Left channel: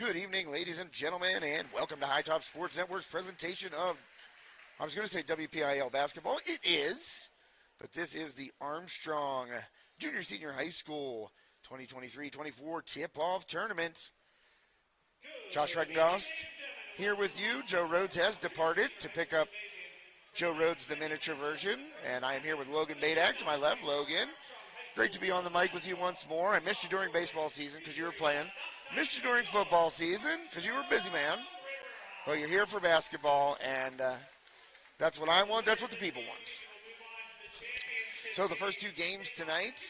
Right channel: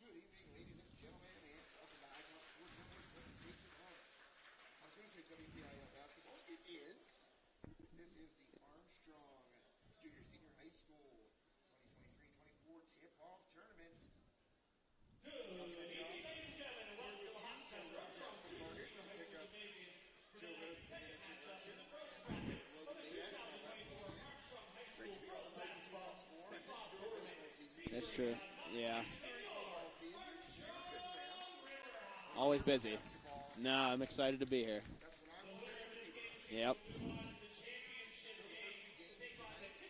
Good evening, ladies and gentlemen, and welcome to High Top Sports Network's presentation of, I was going to say WPIL basketball. It is, but this is the Armstrong Junior Senior High School 2023-24 tip-off tournament. Josh Reichengost here with you. Joe Rhodes has departed to pick up Joe Rhodes, the miniature version, and I am here with Logan Badak to my left. Logan, great to be on the mic with you once more. I missed you during baseball season because you were playing. Yeah. Missed you during football season because you were a busy man. But you're Always here busy. for basketball, Yeah, and I'm excited to be here. that's what I want. That's what the people want. Yep. So the first two games tonight,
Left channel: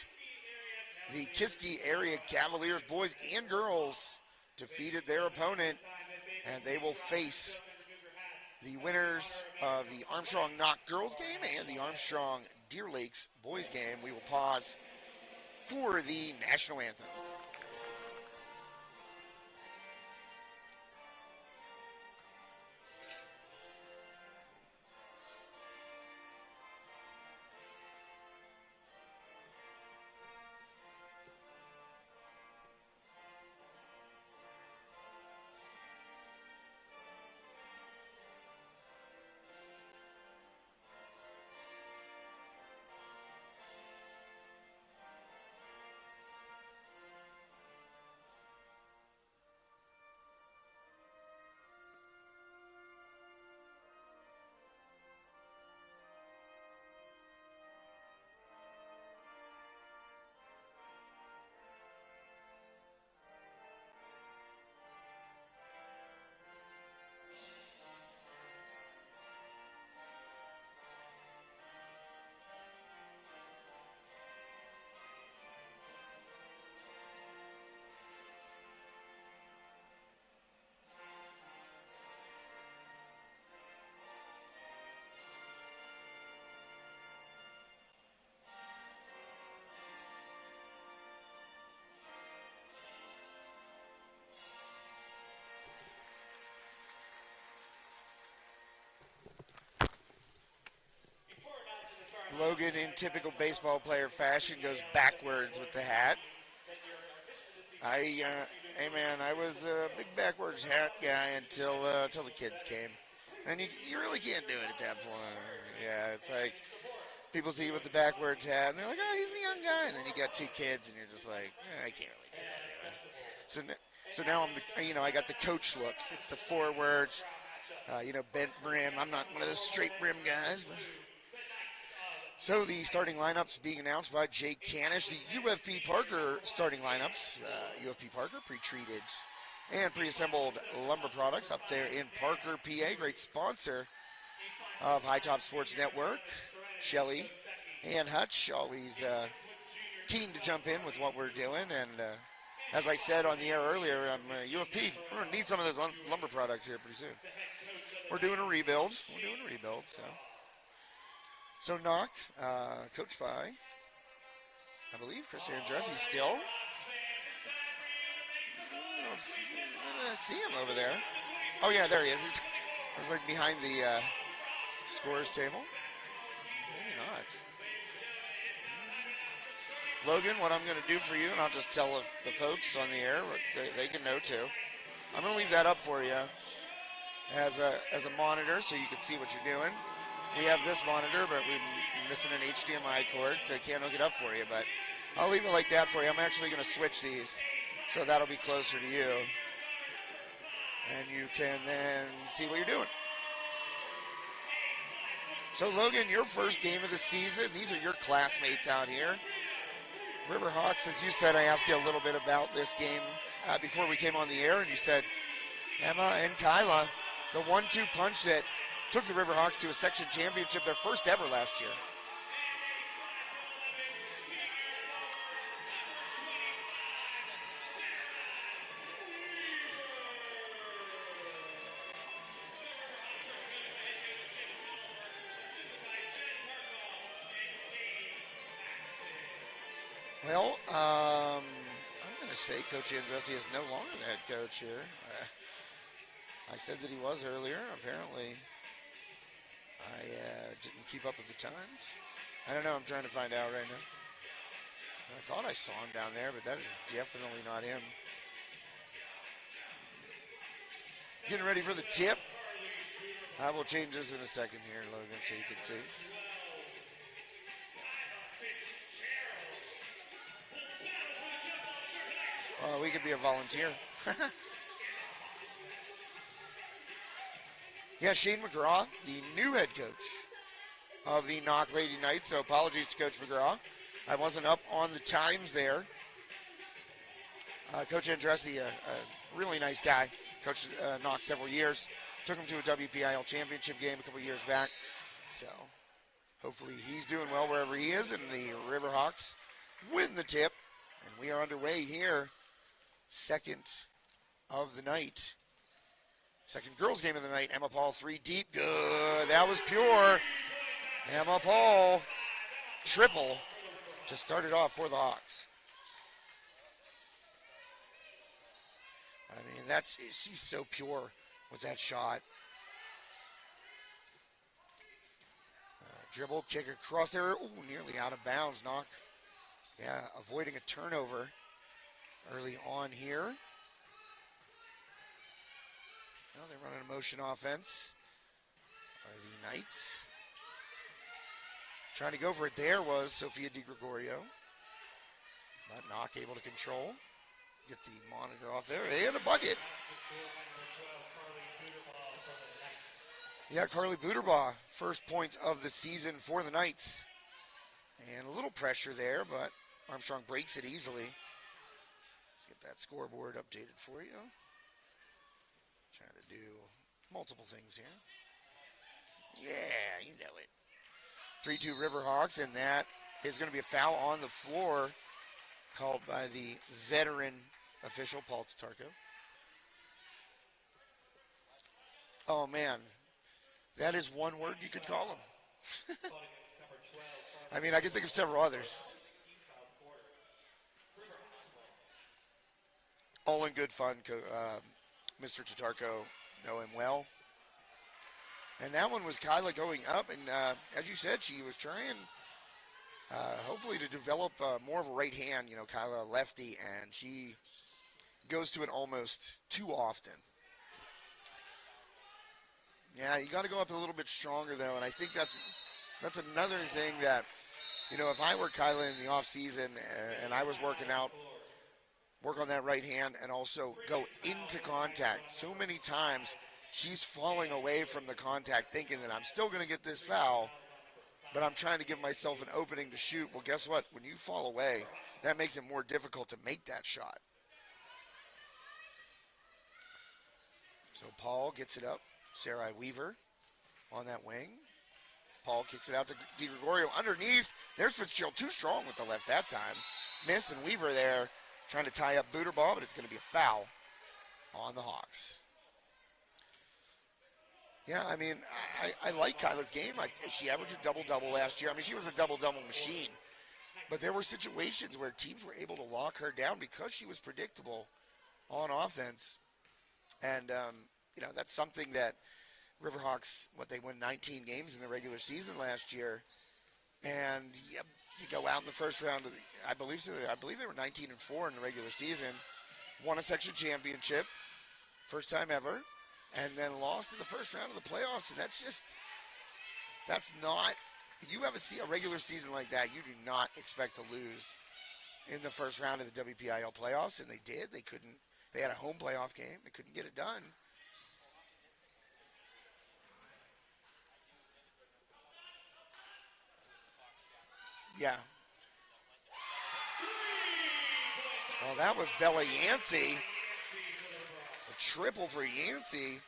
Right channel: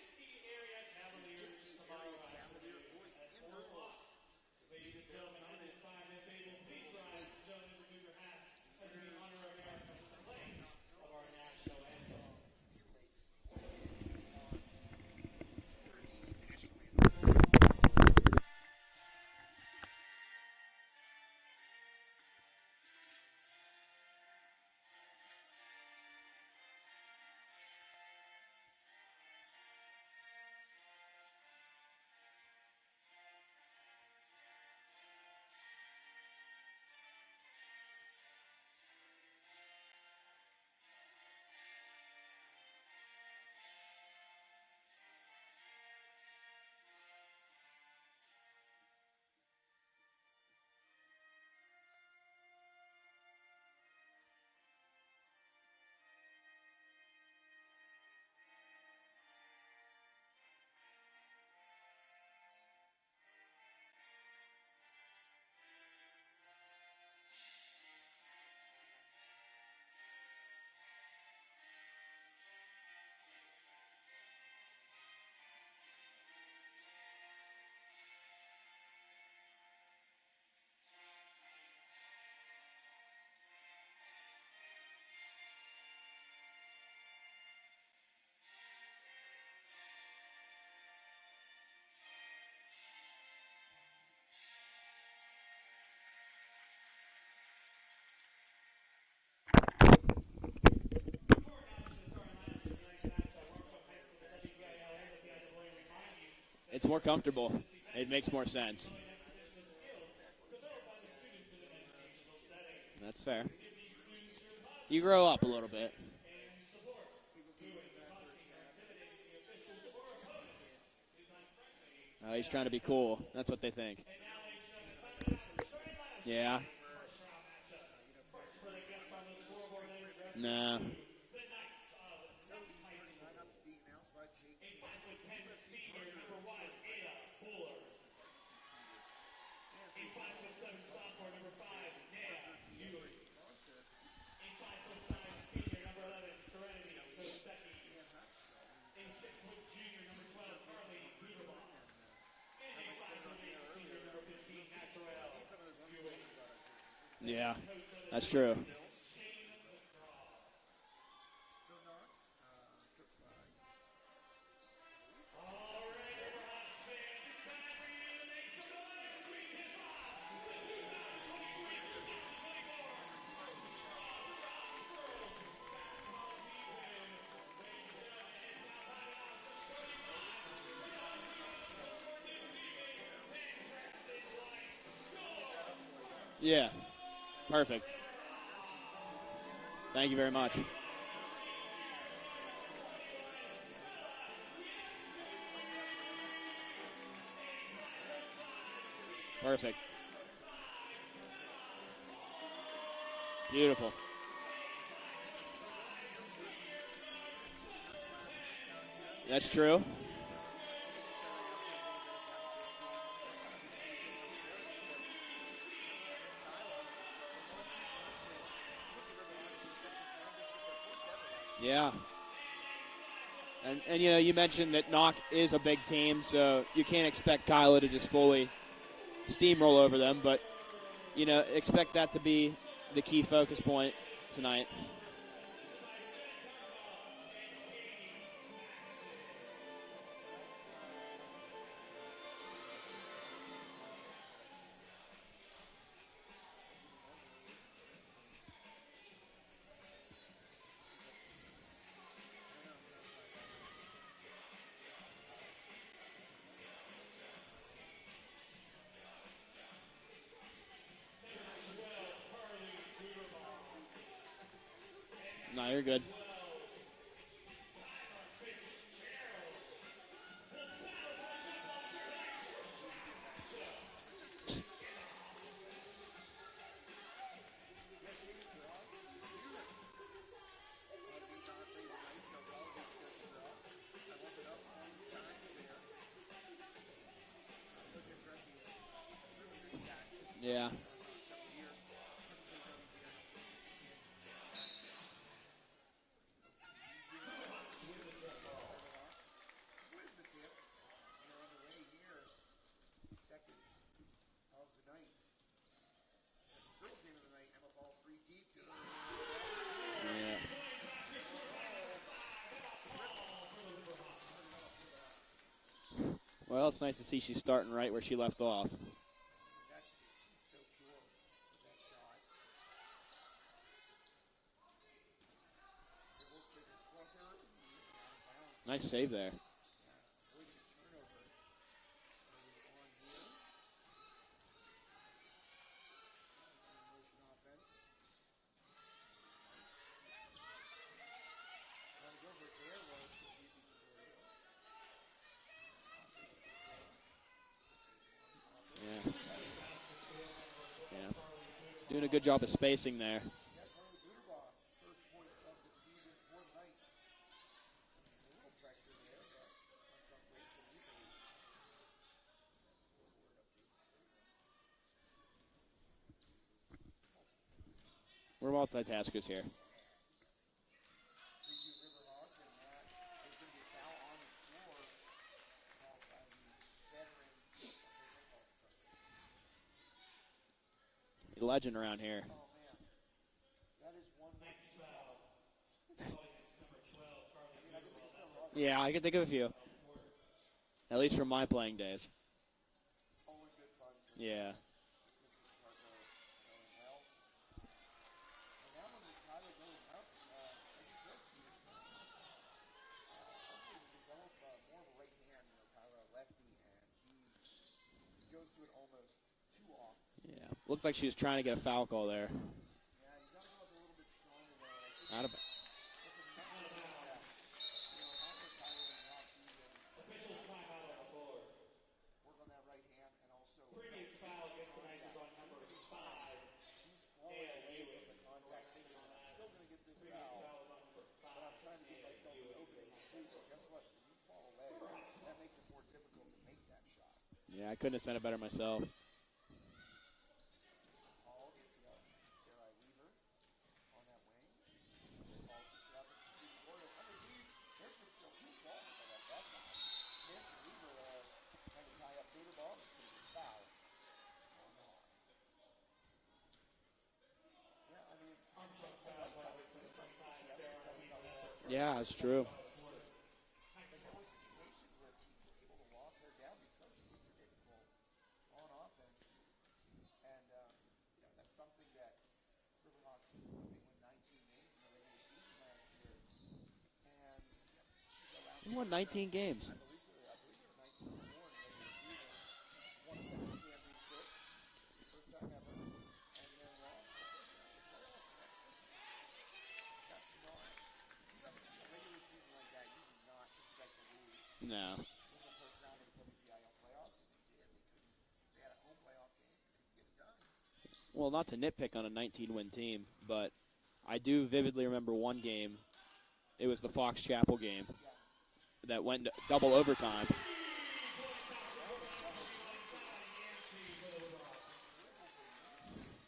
the Kiski area Cavaliers, boys and girls, defeated their opponent, and they will face the winners of the Armstrong Knoch girls game and the Armstrong Deer Lakes boys game. We will pause for the national anthem. Logan, in typical baseball player fashion, goes backwards with the hat. It's more comfortable. It makes more sense. Hey man, I was a big backwards hat guy until the kids came. That's fair. And you really can't do it at that You point. grow up a little bit. Yeah, it's like people see you with the backwards hat, and they're like, oh, he's a young guy. And then you got two kids, and you're just like, I can't. Oh, he's trying to be cool. That's what So they n- think. So now I got the coach look. It's the Yeah. forward, bent brim. I'm not one of those straight brim guys. Nah. So the starting lineups being announced by Jake Canish. The UFP Parker starting lineups. UFP Parker, pre-treated and pre-assembled lumber products up there in Parker, PA. Great sponsor of High Top Sports Network. Shelley and Hutch, always keen to jump in with what we're doing. And as I said on the air earlier, UFP, we're going to need some of those lumber products here pretty soon. Yeah. We're doing a rebuild. So Knoch, coached by, I believe, Chris Andresi still. I don't see him over there. Oh yeah, there he is. He's like behind the scorer's table. Maybe not. Logan, what I'm going to do for you, and I'll just tell the folks on the air, they can know too. I'm going to leave that up for you. Yeah. As a monitor, so you can see what you're doing. Thank you very much. We have this monitor, but we're missing an HDMI cord, so I can't hook it up for you. But I'll leave it like that for you. I'm actually going to switch these, so that'll be closer to you. Perfect. And you can then see what you're doing. Beautiful. So, Logan, your first game of the season, these are your classmates out here. That's true. Riverhawks, as you said, I asked you a little bit about this game before we came on the air, and you said Emma and Kyla, the 1-2 punch that took the Riverhawks to a section championship, their first ever last year. Yeah. And you mentioned that Knoch is a big team, so you can't expect Kyla to just fully steamroll over them, but, expect that to be the key focus point tonight. Well, I'm going to say Coach Andresi is no longer the head coach here. I said that he was earlier. Apparently, I didn't keep up with the times. I don't know. I'm trying to find out right now. I thought I saw him down there, but that is definitely not him. getting ready for the tip. I will change this in a second here, Logan, so you can No, see. you're good. We could be a volunteer. Yeah, Shane McGraw, the new head coach of the Knoch Lady Knights. So apologies to Coach McGraw. I wasn't up on the times there. Coach Andressi, a really nice guy. Coached Knoch several years. Took him to a WPIL championship game a couple years back. So hopefully he's doing well wherever he is. And the Riverhawks win the tip. And we are underway here. Second of the night. Second girls game of the night. Emma Paul 3 deep. Good. That was pure. Emma Paul triple to start it off for the Hawks. Well, it's nice to see she's starting right where she left off. I mean, she's so pure with that shot. Dribble, kick across there. Ooh, nearly out of bounds. Nice save there. Yeah, avoiding a turnover early on here. Now they're running a motion offense. Are the Knights. Trying to go for it there was Sophia DiGregorio. But Knoch able to control. Get the monitor off there. And a bucket. Yeah. Doing a good job of spacing there. Yeah, Carly Buterbaugh, first point of the season for the Knights. And a little pressure there, but Armstrong breaks it easily. Let's get that scoreboard updated for you. Trying to do multiple things here. We're multitaskers here. Yeah, you know it. 3-2 Riverhawks, and that is going to be a foul on the floor called by the veteran official, Paul Tatarko. Legend around here. Oh, man. That is one word you could call him. I mean, I can think of several others. Yeah, I can think of a few. At least from my playing days. All in good fun. Mr. Tatarko, know him well. And that one was Kyla going up, and as you said, she was trying, hopefully, to develop more of a right hand. You know, Kyla a lefty, and she goes to it almost too often. Yeah, looked like she was trying to get a foul call there. Yeah, you got to go up a little bit stronger, though, and I think that's another thing that, you know, if I were Kyla in the off season and I was work on that right hand and also go into contact, so many times she's falling away from the contact thinking that I'm still going to get this foul, but I'm trying to give myself an opening to shoot. Well, guess what? When you fall away, that makes it more difficult to make that shot. Yeah, I couldn't have said it better myself. So Paul gets it up. Sarai Weaver on that wing. Paul kicks it out to DiGregorio underneath. There's Fitzgerald too strong with the left that time. Miss, and Weaver there trying to tie up Buterbaugh, but it's going to be a foul on the Hawks. Yeah, I mean, I like Kyla's game. She averaged a double-double last year. I mean, she was a double-double machine. But there were situations where teams were able to lock her down because she was predictable on offense. And, you know, that's something that Riverhawks, they won 19 games in the regular season last year. And you go out in the first round. Games. I believe so. I believe they were 19-4 in the regular season. Won a section championship, first time ever. And then lost in the first round of the playoffs. And that's not, you have a regular season like that, you do not expect to lose in the first round of the WPIL playoffs. And they did. They had a home playoff game. They couldn't get it done. Well, not to nitpick on a 19-win team, but I do vividly remember one game. It was the Fox Chapel game. Yeah. That went double overtime. Well, that was Bella Yancey. A triple for Yancey.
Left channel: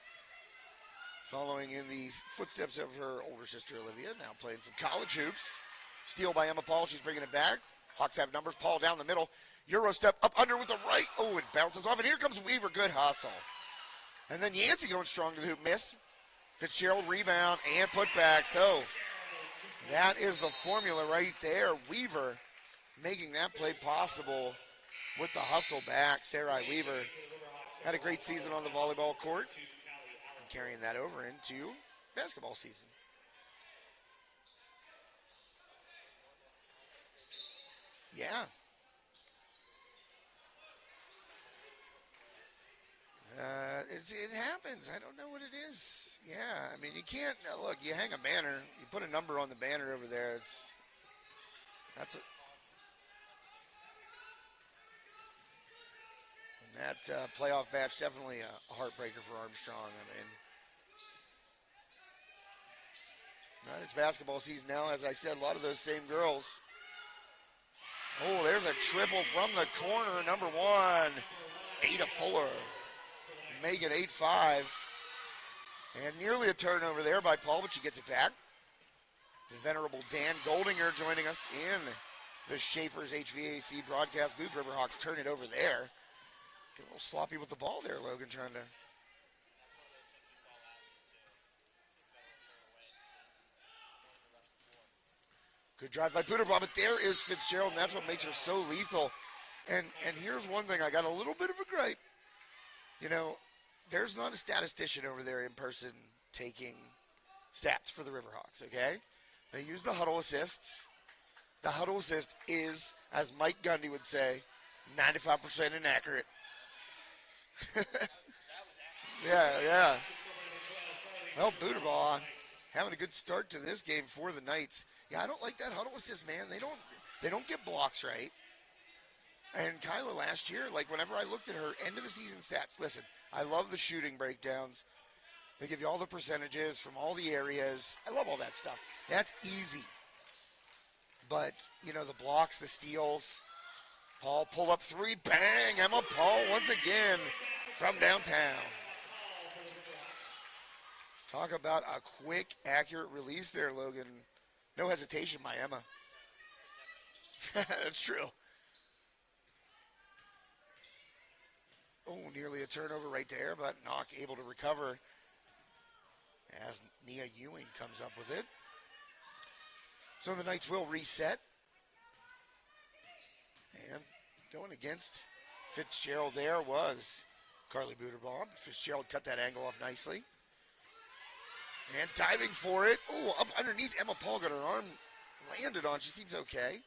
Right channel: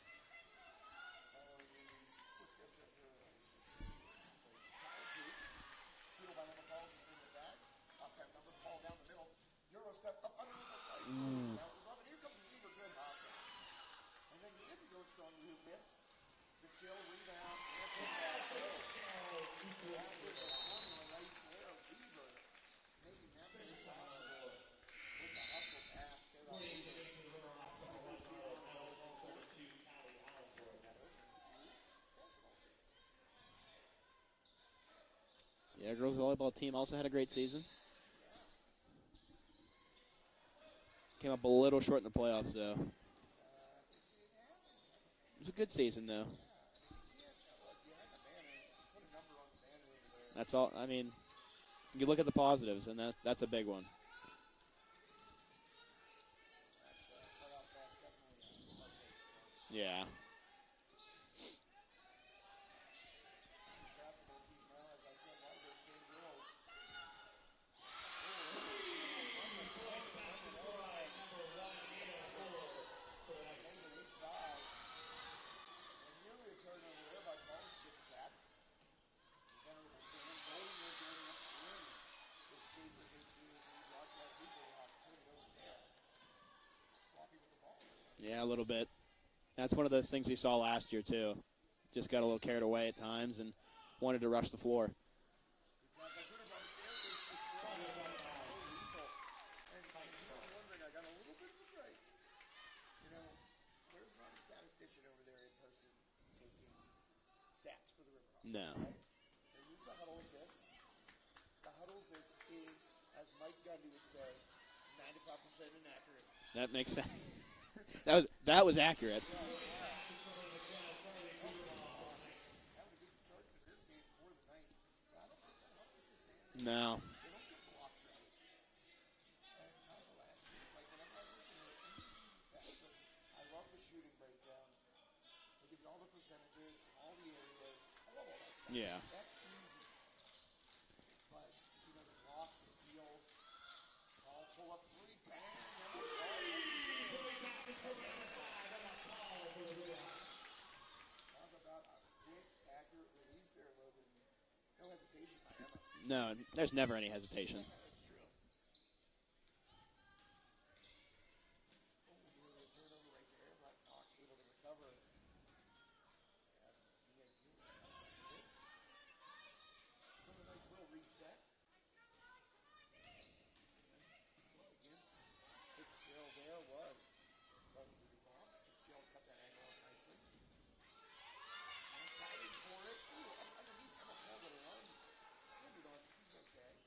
Following in the footsteps of her older sister, Olivia, now playing some college hoops. Steal by Emma Paul. She's bringing it back. Hawks have numbers. Paul down the middle. Euro step up under with the right. Oh, it bounces off. And here comes Weaver. Good hustle. And then Yancey going strong to the hoop. Miss. Fitzgerald rebound and put back. So that is the formula right there. Weaver making that play possible with the hustle back. Sarai Weaver had a great season on the volleyball court. Carrying that over into basketball season. Yeah, girls volleyball team also had a great season. Yeah. Came up a little short in the playoffs, though. It happens. I don't know what It's it a good is. season, though. Yeah, I mean, you can't look. You hang a banner, you put a number on the banner over there. That's all. I mean, you look at the positives, and that's a big one. That playoff match definitely a heartbreaker for Armstrong. Yeah. I mean, it's basketball season now. As I said, a lot of those same girls. Oh, there's a triple from the corner, number one, Ada Fuller. Make it 8-5. And nearly a turnover there by Paul, but she gets it back. The venerable Dan Goldinger joining us in the Schaefer's HVAC broadcast booth. Riverhawks turn it over there. Get a little sloppy with the ball there, Logan. Yeah, a little bit. That's one of those things we saw last year, too. Just got a little carried away at times and wanted to rush the floor. Good drive by Buderbaum, but there is Fitzgerald, and that's what makes her so lethal. And here's one thing, I got a little bit of a gripe. You know, there's not a statistician over there in person taking stats for the Riverhawks, No. okay? They use the huddle assist. The huddle assist is, as Mike Gundy would say, 95% inaccurate. That makes sense. that was accurate. Yeah. Well, Buderbaum having a good start to this game for the Knights. Yeah, I don't like that huddle assist, man. They don't get blocks right. And Kyla last year, like whenever I looked at her end of the season stats, listen, I love the shooting breakdowns. They give you all the percentages from all the areas. I love all that stuff. Yeah. That's easy. But, you know, the blocks, the steals. Paul pull up three, bang, Emma Paul once again from downtown. Talk about a quick, accurate release there, Logan. No hesitation by Emma. No, there's never any hesitation. That's true. Oh, nearly a turnover right there, but Knoch able to recover as Nia Ewing comes up with it. So the Knights will reset. And going against Fitzgerald there was Carly Buderbaum. Fitzgerald cut that angle off nicely. And diving for it. Oh, up underneath. Emma Paul got her arm landed on. She seems okay.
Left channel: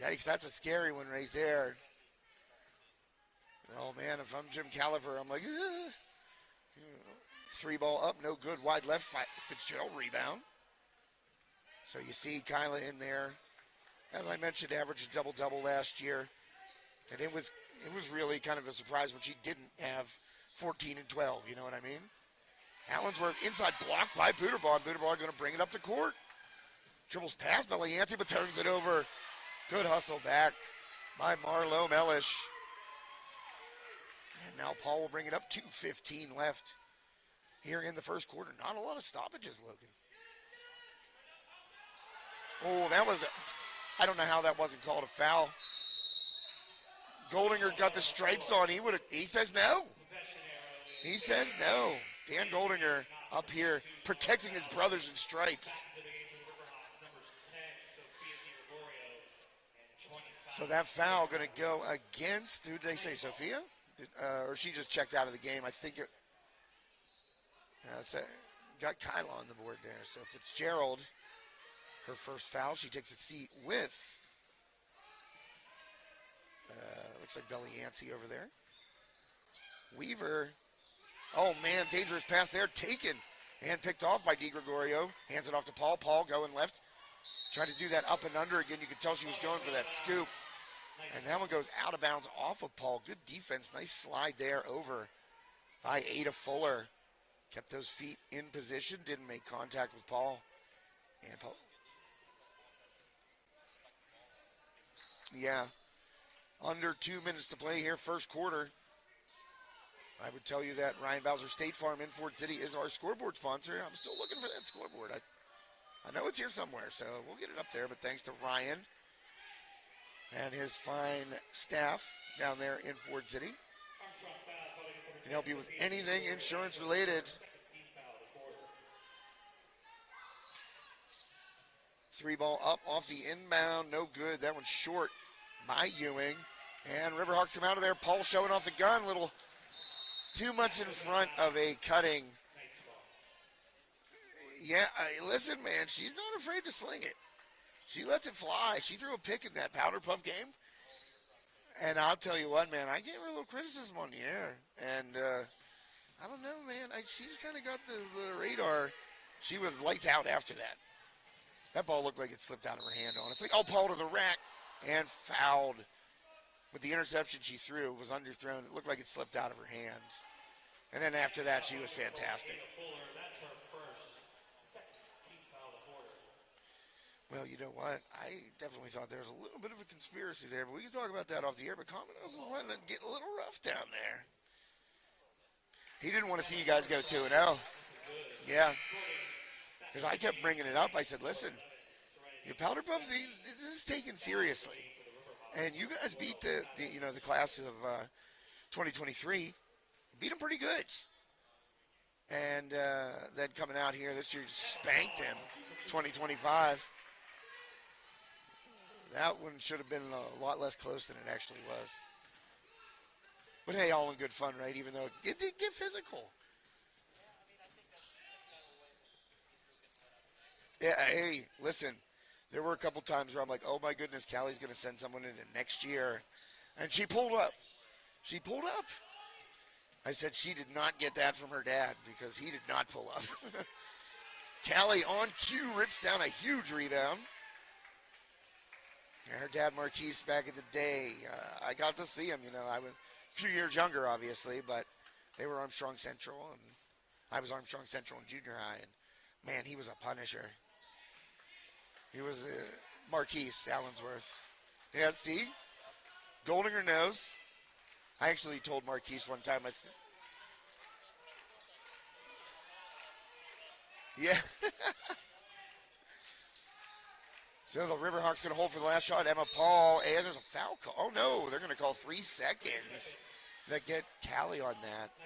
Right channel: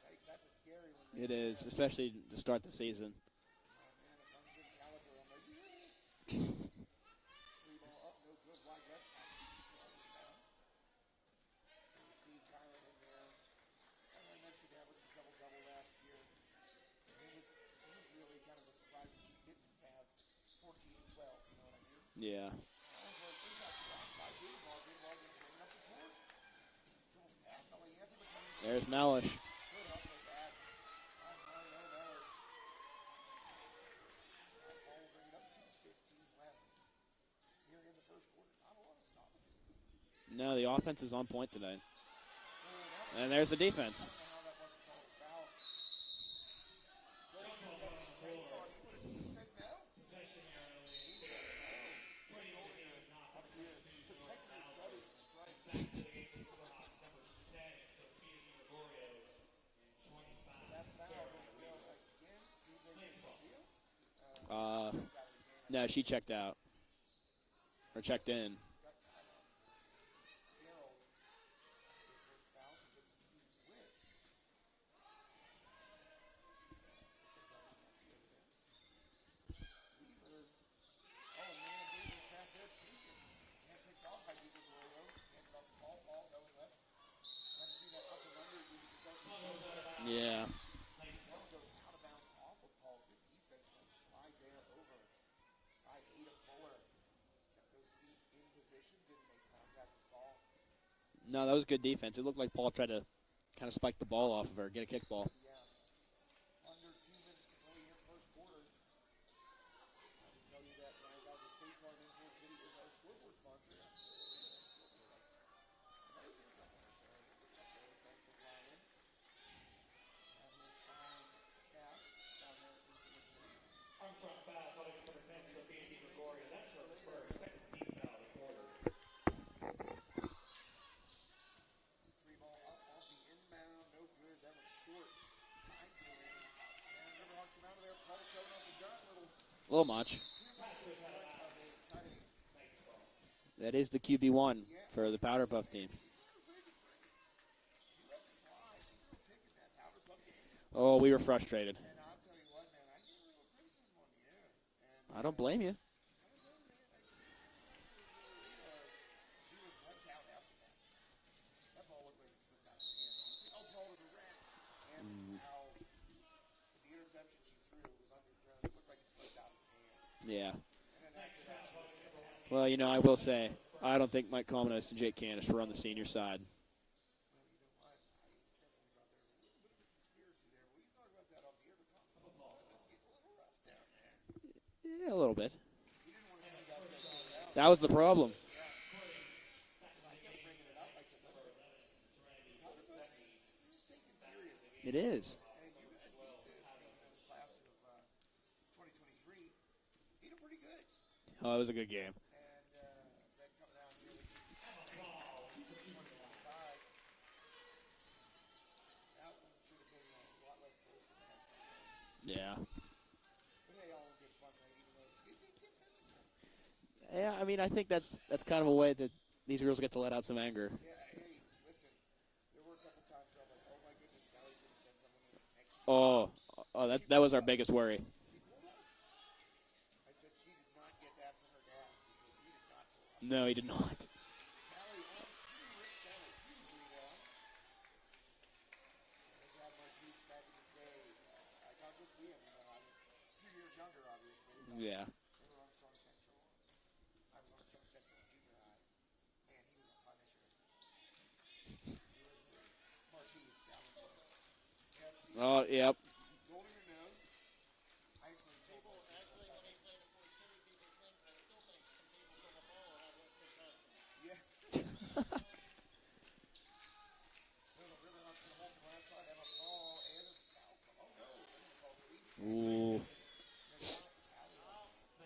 Yikes, that's a scary one right there. Especially to start the season. Oh, man, if I'm Jim Caliver, I'm like, three ball up, no good. Wide left, Fitzgerald rebound. So you see Kyla in there. As I mentioned, averaged a double-double last year. And it was really kind of a surprise when she didn't have 14 and 12, you know what I mean? Yeah. Allensworth inside blocked by Buderbaum. Buderbaum going to bring it up the court. Dribbles past Melianti, but turns it over. Mellish. Good hustle back by Marlo Mellish. And now Paul will bring it up. 2:15 left here in the first quarter. Not a lot of stoppages, Logan. No, the offense is on point today. Oh, that was and there's the defense. I don't know how that wasn't called a foul. Goldinger got the stripes on. He says no. He says no. Dan Goldinger up here protecting his brothers in stripes. So that foul going to go against, who did they say, Sophia? Or she just checked out of the game? I think she checked out. Checked in. Got Kyla on the board there. So Fitzgerald, her first foul, she takes a seat with, looks like Belly Yancey over there. Weaver, oh man, dangerous pass there, taken and picked off by DiGregorio. Hands it off to Paul. Paul going left. Trying to do that up and under again. You could tell she was going for that scoop. Yeah. And that one goes out of bounds off of Paul. Good defense. Nice slide there over by Ada Fuller. Kept those feet in position. Didn't make contact with Paul. And no, that was good defense. It looked like Paul tried to kind of spike the ball off of her, get a kickball. Yeah. Under 2 minutes to play here, first quarter. I would tell you that Ryan Bowser State Farm in Ford City is our scoreboard sponsor. I'm still looking for that scoreboard. I know it's here somewhere, so we'll get it up there. But thanks to Ryan and his fine staff down there in Ford City. Can help you with anything insurance related. Three ball up off the inbound, no good. That one's short by Ewing. And Riverhawks come out of there. Paul showing off the gun, little much. Too much in front of a cutting. That is the QB1. Yeah, listen, man, she's not afraid to sling it. She lets it fly. She threw a pick in that Powder Puff game. Oh, we were frustrated. And I'll tell you what, man, I gave her a little criticism on the air. And I don't blame you. I don't know, man. She's kind of got the radar. She was lights out after that. That ball looked like it slipped out of her hand on. It's like, Paul to the rack and fouled. With the interception she threw, it was underthrown. It looked like it slipped out of her hands. Yeah. And then after that, she was fantastic. Well, I will say, I don't think Mike Cominos and Jake Candice were on the senior side. Well, you know what? I definitely thought there was a little bit of a conspiracy there, but we can talk about that off the air. But Cominos was letting it get a little rough down there. Yeah, a little bit. He didn't want to see you guys go 2-0. That was the problem. Yeah. Because I kept bringing it up. I said, listen, your Powder Puff, this is taken seriously. It is. And you guys beat the class of 2023. Beat them pretty good. Oh, it was a good game. And then coming out here this year, just spanked them, 2025. That one should have been a lot less close than it actually was. Yeah. But hey, all in good fun, right? Even though it did get physical. Yeah, I think that's kind of a way that these girls get to let out some anger. Yeah, hey, listen. There were a couple times where I'm like, oh my goodness, Callie's going to send someone in it next year. That was our biggest worry. She pulled up. I said she did not get that from her dad because he did not pull up. No, he did not. Callie on cue rips down a huge rebound. Her dad, Marquise, back in the day, I got to see him. I was a few years younger, obviously, but yeah. They were Armstrong Central, and I was Armstrong Central in junior high. And man, he was a punisher. He was Marquise Allensworth. Yeah, see? Oh, yep. Golding her nose. I actually told Marquise one time, I said, yeah. So the Riverhawks going to hold for the last shot. Emma Paul, and there's a foul call. Oh, no, they're going to call 3 seconds. They get Callie on that. I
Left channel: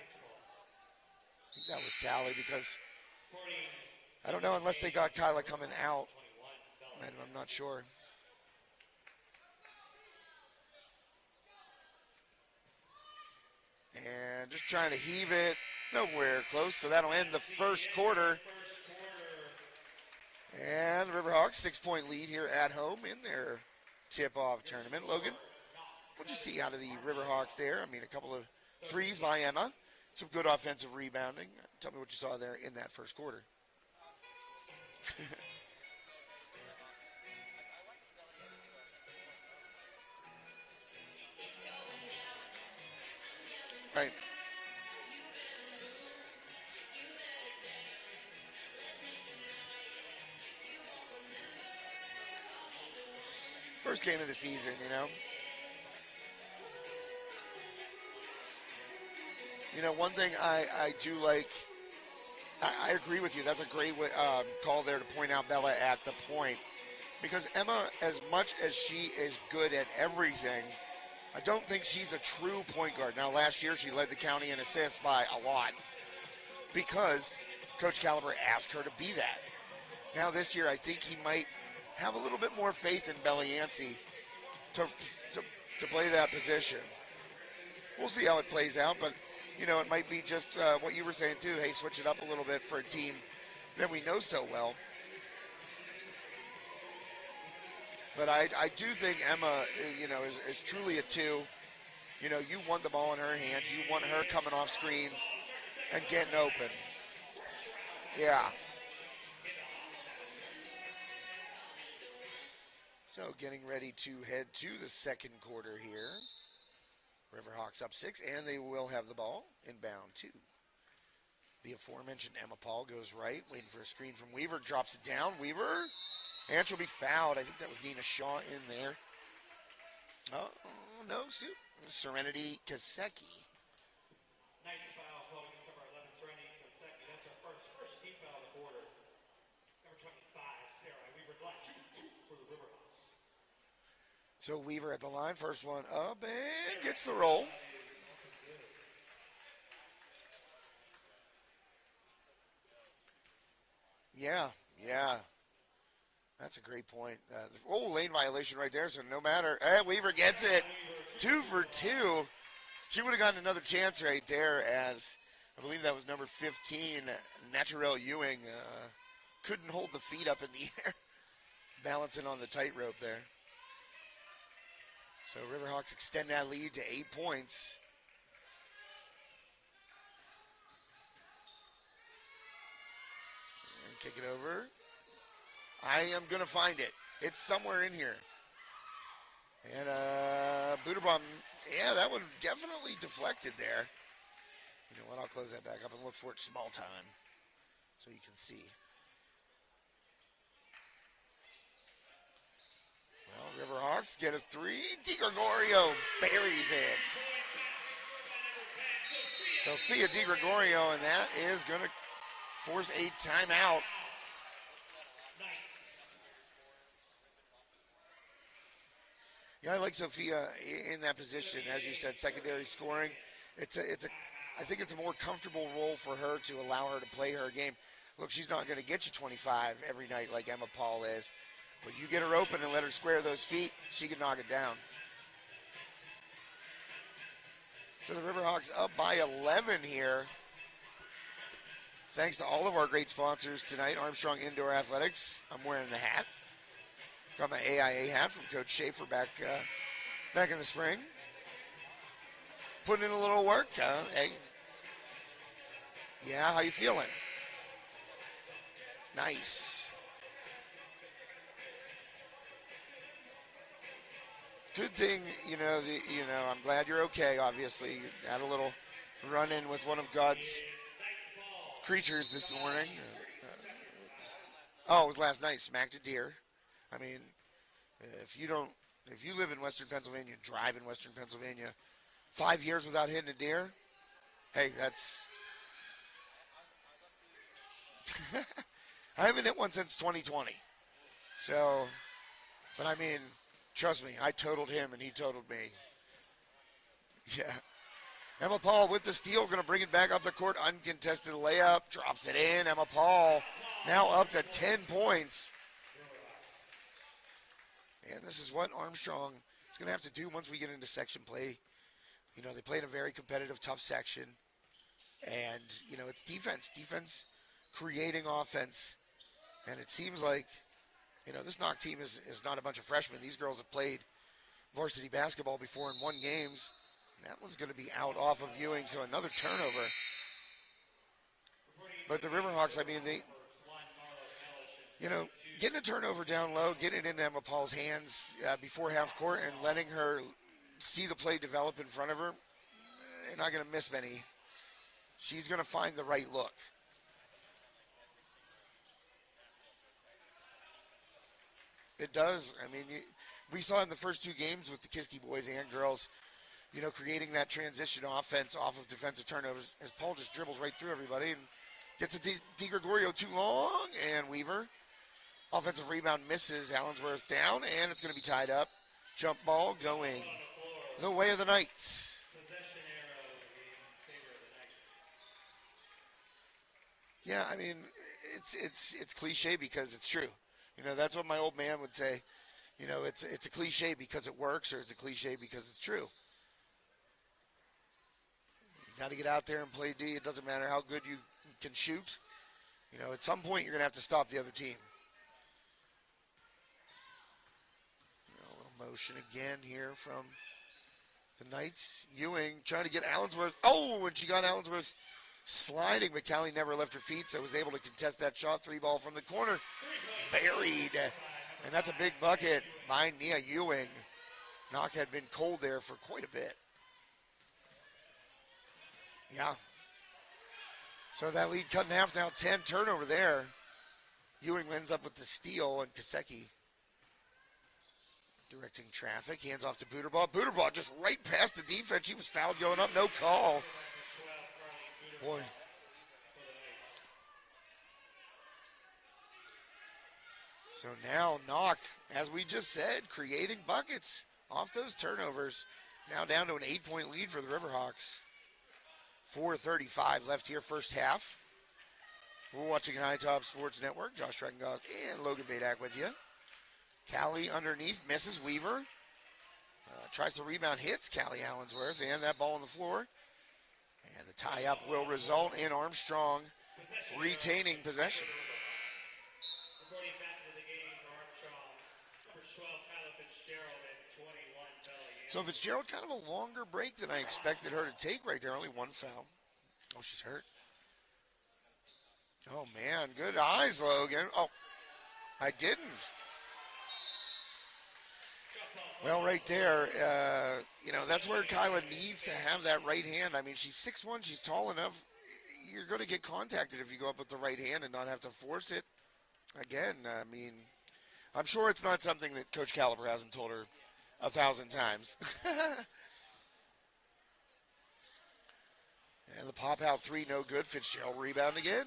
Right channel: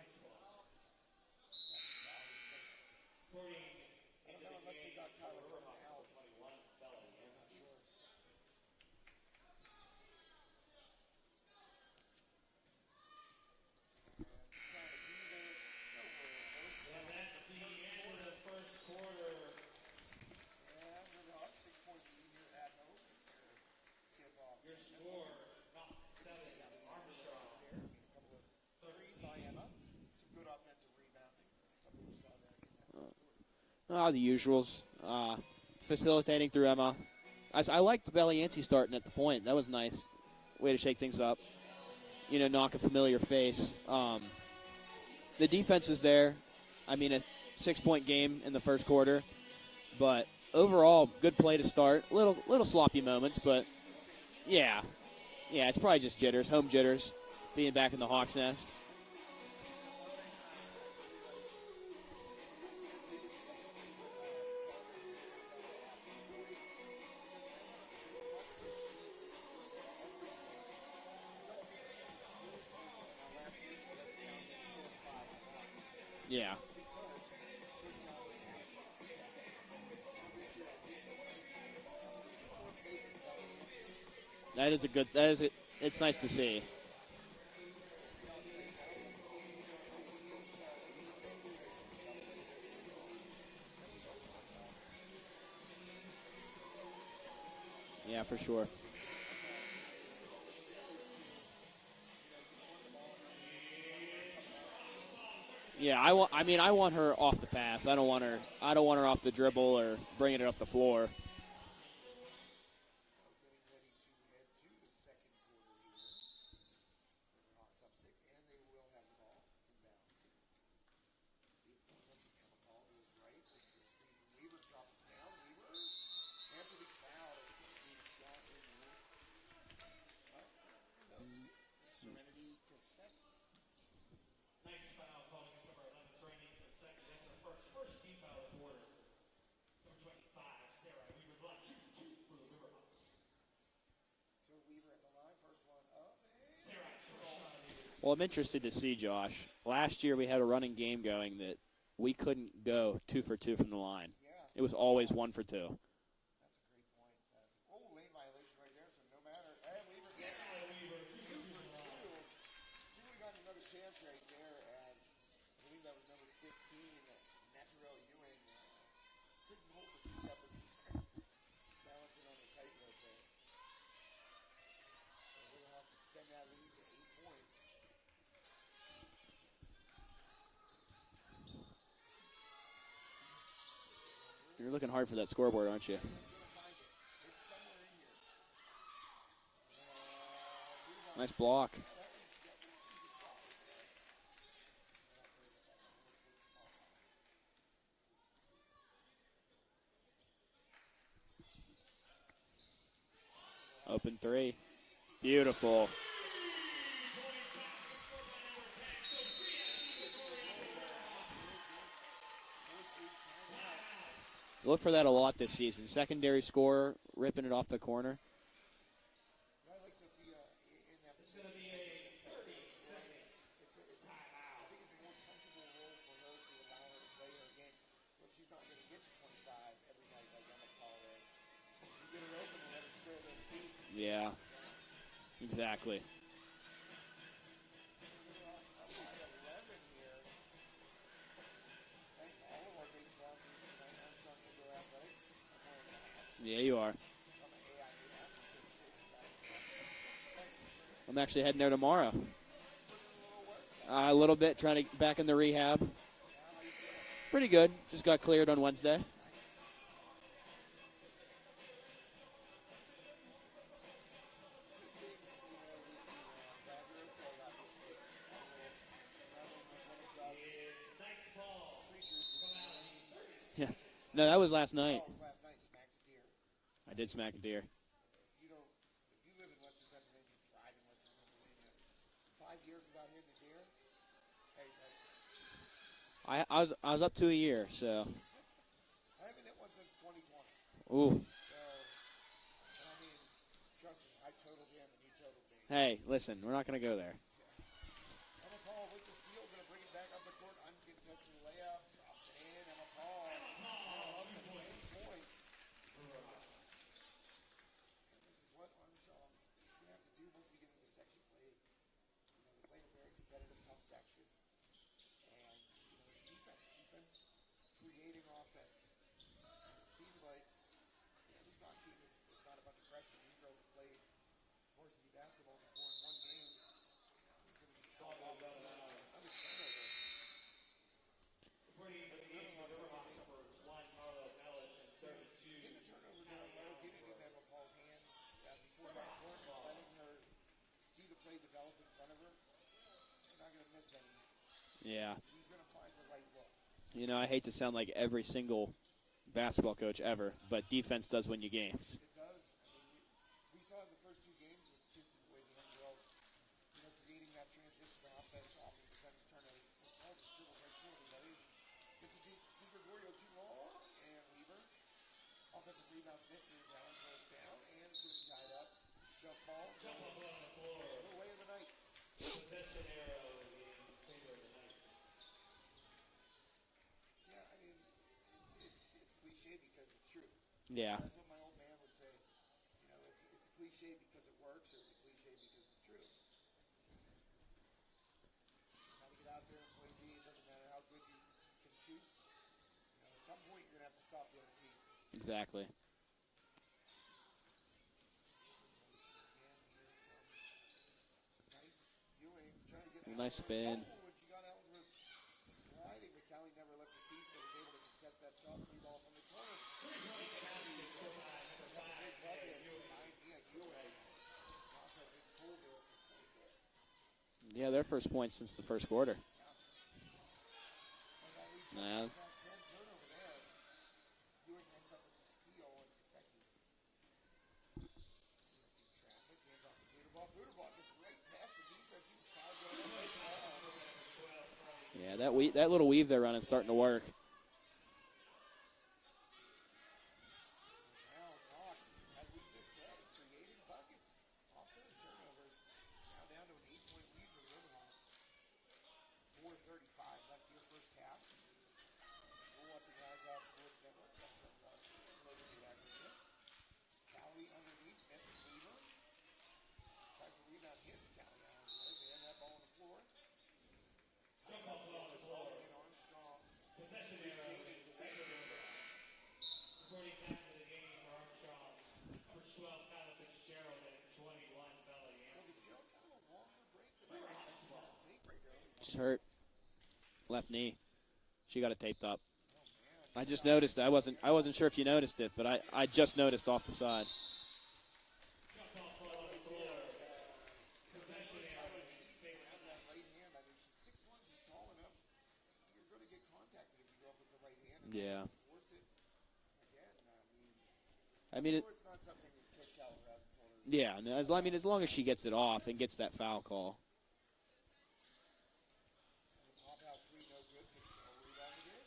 think that was Callie because, I don't know, unless they got Kyla coming out. I'm not sure. And just trying to heave it. Nowhere close, so that'll end the first quarter. And the Riverhawks, 6-point lead here at home in their tip-off tournament. Logan, what'd you see out of the Riverhawks there? A couple of threes by Emma. Some good offensive rebounding. Tell me what you saw there in that first quarter. Oh, the usuals. Facilitating through Emma. I liked Bellianti starting at the point. That was nice. Way to shake things up. Knock a familiar face. Right. The defense is there. A 6-point game in the first quarter. But overall, good play to start. Little sloppy moments, but first game of the season, yeah. Yeah, it's probably just jitters, home jitters, being back in the Hawks nest. One thing I do like, I agree with you. That's a great call there to point out Bella at the point. Because Emma, as much as she is good at everything, I don't think she's a true point guard. Now, last year she led the county in assists by a lot. Yeah. Because Coach Caliber asked her to be that. Now this year, I think he might have a little bit more faith in Bellianci. To play that position. We'll see how it plays out, but it might be just what you were saying too. Hey, switch it up a little bit for a team that we know so well. Yeah, but I do think Emma, is truly a 2. You want the ball in her hands. You want her coming off screens. Yeah, I want her off the pass. I don't want her off the dribble or bringing it up the floor. So getting ready to head to the second quarter here. Riverhawks up 6, and they will have the ball inbound 2. The aforementioned Emma Paul goes right, waiting for a screen from Weaver, drops it down. Weaver, and she'll be fouled. I think that was Nina Shaw in there. Oh, no, Serenity Kaseki. Next foul called against number 11, Serenity Kaseki. That's her first team foul of the quarter. Number 25, Sarah Weaver Black, shooting 2 for the Riverhawks. So Weaver at the line, first one up, and gets the roll. Well, I'm interested to see, Josh. Last year we had a running game going that we couldn't go 2 for 2 from the line. Yeah. It was always 1 for 2. That's a great point. Lane violation right there, so no matter. Weaver gets it. 2 for 2. She would have gotten another chance right there as, I believe that was number 15, Naturel Ewing, couldn't hold the feet up in the air. balancing on the tightrope there. So Riverhawks extend that lead to 8 points. And kick it over. You're looking hard for that scoreboard, aren't you? I am going to find it. It's somewhere in here. And Buderbom. Nice block. Yeah, that one definitely deflected there. You know what? I'll close that back up and look for it small time so you can see. Well, Riverhawks get a three. DiGregorio buries it. Sophia DiGregorio, and that is going to force a timeout. Look for that a lot this season. Secondary scorer, ripping it off the corner. Yeah, I like Sophia in that position, as you said, secondary scoring. I think it's a more comfortable role for her to allow her to play her game. Look, she's not going to get you 25 every night like Emma Paul is, but you get her open and let her square those feet, she can knock it down. Exactly. So the Riverhawks up by 11 here. Thanks to all of our great sponsors tonight, Armstrong Indoor Athletics. I'm wearing the hat. Yeah, you are. Got my AIA hat from Coach Schaefer back in the spring. I'm actually heading there tomorrow. Putting in a little work. A little bit, trying to get back in the rehab. Yeah, how you feeling? Pretty good. Just got cleared on Wednesday. Nice. Good thing, I'm glad you're okay, obviously. You had a little run-in with one of God's creatures this morning. Yeah. No, that was last night. Oh, it was last night. Smacked a deer. I did smack a deer. If you live in Western Pennsylvania, drive in Western Pennsylvania, 5 years without hitting a deer, hey, that's... I was up to a year, so... I haven't hit one since 2020. Ooh. So, but I mean, trust me, I totaled him and he totaled me. Hey, listen, we're not going to go there. Yeah. Emma Paul with the steal, going to bring it back up the court. Uncontested layup, drops it in. Emma Paul now up to 10 points. And this is what Armstrong is going to have to do once we get into section play. You know, they play in a very competitive, tough section. And, it's defense creating offense. And it seems like, this Knoch team is not a bunch of freshmen. These girls have played varsity basketball before and won games. And that one's going to be out off of Ewing, so another turnover. But the Riverhawks, I mean, getting a turnover down low, getting it into Emma Paul's hands before half court and letting her see the play develop in front of her, you're not going to miss many. Yeah. She's going to find the right look. I hate to sound like every single basketball coach ever, but defense does win you games. It does. I mean, we saw in the first two games with the Kiski boys and girls, creating that transition offense off of defensive turnovers as Paul just dribbles right through everybody and gets a DiGregorio too long, and Weaver. Offensive rebound misses. Allensworth down, and it's going to be tied up. Jump ball going the way of the Knights. Yeah, I mean, it's cliche because it's true. Yeah. That's what my old man would say. It's a cliche because it works, or it's a cliche because it's true. You got to get out there and play D. It doesn't matter how good you can shoot. At some point you're going to have to stop the other team. Exactly. A little motion again here from the Knights. Ewing trying to get Allensworth. Oh, and she got Allensworth sliding. McCallie never left her feet, so was able to contest that shot. 3-ball from the corner. Buried. And that's a big bucket by Nia Ewing. Knoch had been cold there for quite a bit. Yeah, their first point since the first quarter. Yeah. So that lead cut in half now. 10 turnover there. Ewing ends up with the steal, and Kaseki directing traffic. Hands off to Buderball. Buderball just right past the defense. She was fouled going up. No call. Yeah, that little weave they're running is starting to work. So now Knoch, as we just said, creating buckets off those turnovers. Now down to an 8-point lead for the Riverhawks. 4:35 left here, first half. We're watching High Top Sports Network. Josh Regengoss and Logan Badak with you. Callie underneath, misses Weaver. Tries to rebound, hits Callie Allensworth, and that ball on the floor. And the tie-up will result in Armstrong retaining possession. Reporting back into the game for Armstrong, So Fitzgerald, kind of a longer break than I expected her to take right there. Only one She's hurt. foul. Oh, she's hurt. Left knee. She got it taped up. Oh, man. I Good just eyes, noticed. Logan. I wasn't sure if you noticed it, but I didn't. I just noticed off the side. Well, right there, that's where Kyla needs to have that right hand. I mean, she's 6'1", she's tall enough. You're going to get contacted if you go up with the right hand and not have to force it. Again, I'm sure it's not something that Coach Caliber hasn't told her. Yeah, no, as long as she gets it off and gets that foul call. And the pop-out three, no good. Fitzgerald rebound again.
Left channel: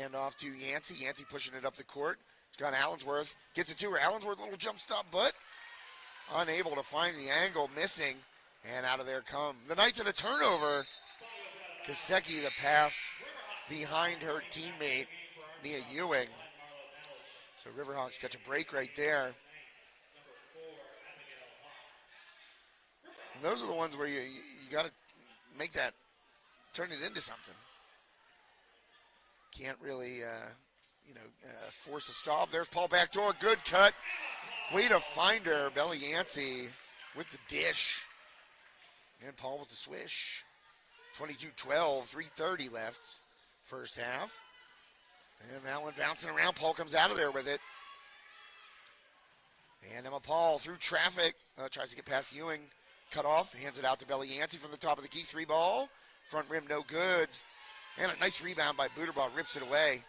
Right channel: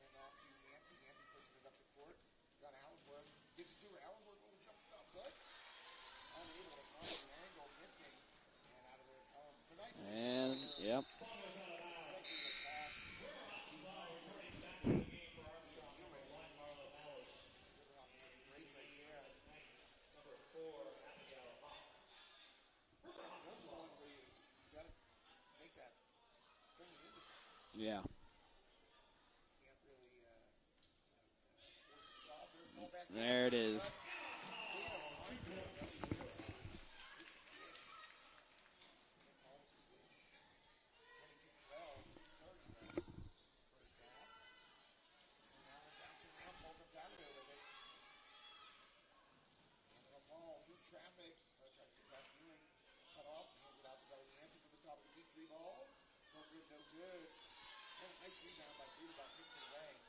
Hand off to Yancey. Yancey pushing it up the court. She's got Allensworth. Gets it to her. Allensworth, little jump stop, but unable to find the angle, missing. And out of there come the Knights in a turnover. Yep. Kasecki, the pass behind her teammate, Nia Ewing. So Riverhawks catch a break right there. And those are the ones where you got to make that, turn it into something. Yeah. Can't really, force a stop. There's Paul backdoor. There Good cut. Way to find her. Belly Yancey with the dish. And Paul with the swish. 22-12, 3:30 left. First half. And that one bouncing around. Paul comes out of there with it. And Emma Paul through traffic. Tries to get past Ewing. Cut off. Hands it out to Belly Yancey from the top of the key. Three ball. Front rim no good. And a nice rebound by Buderbaugh. Rips it away.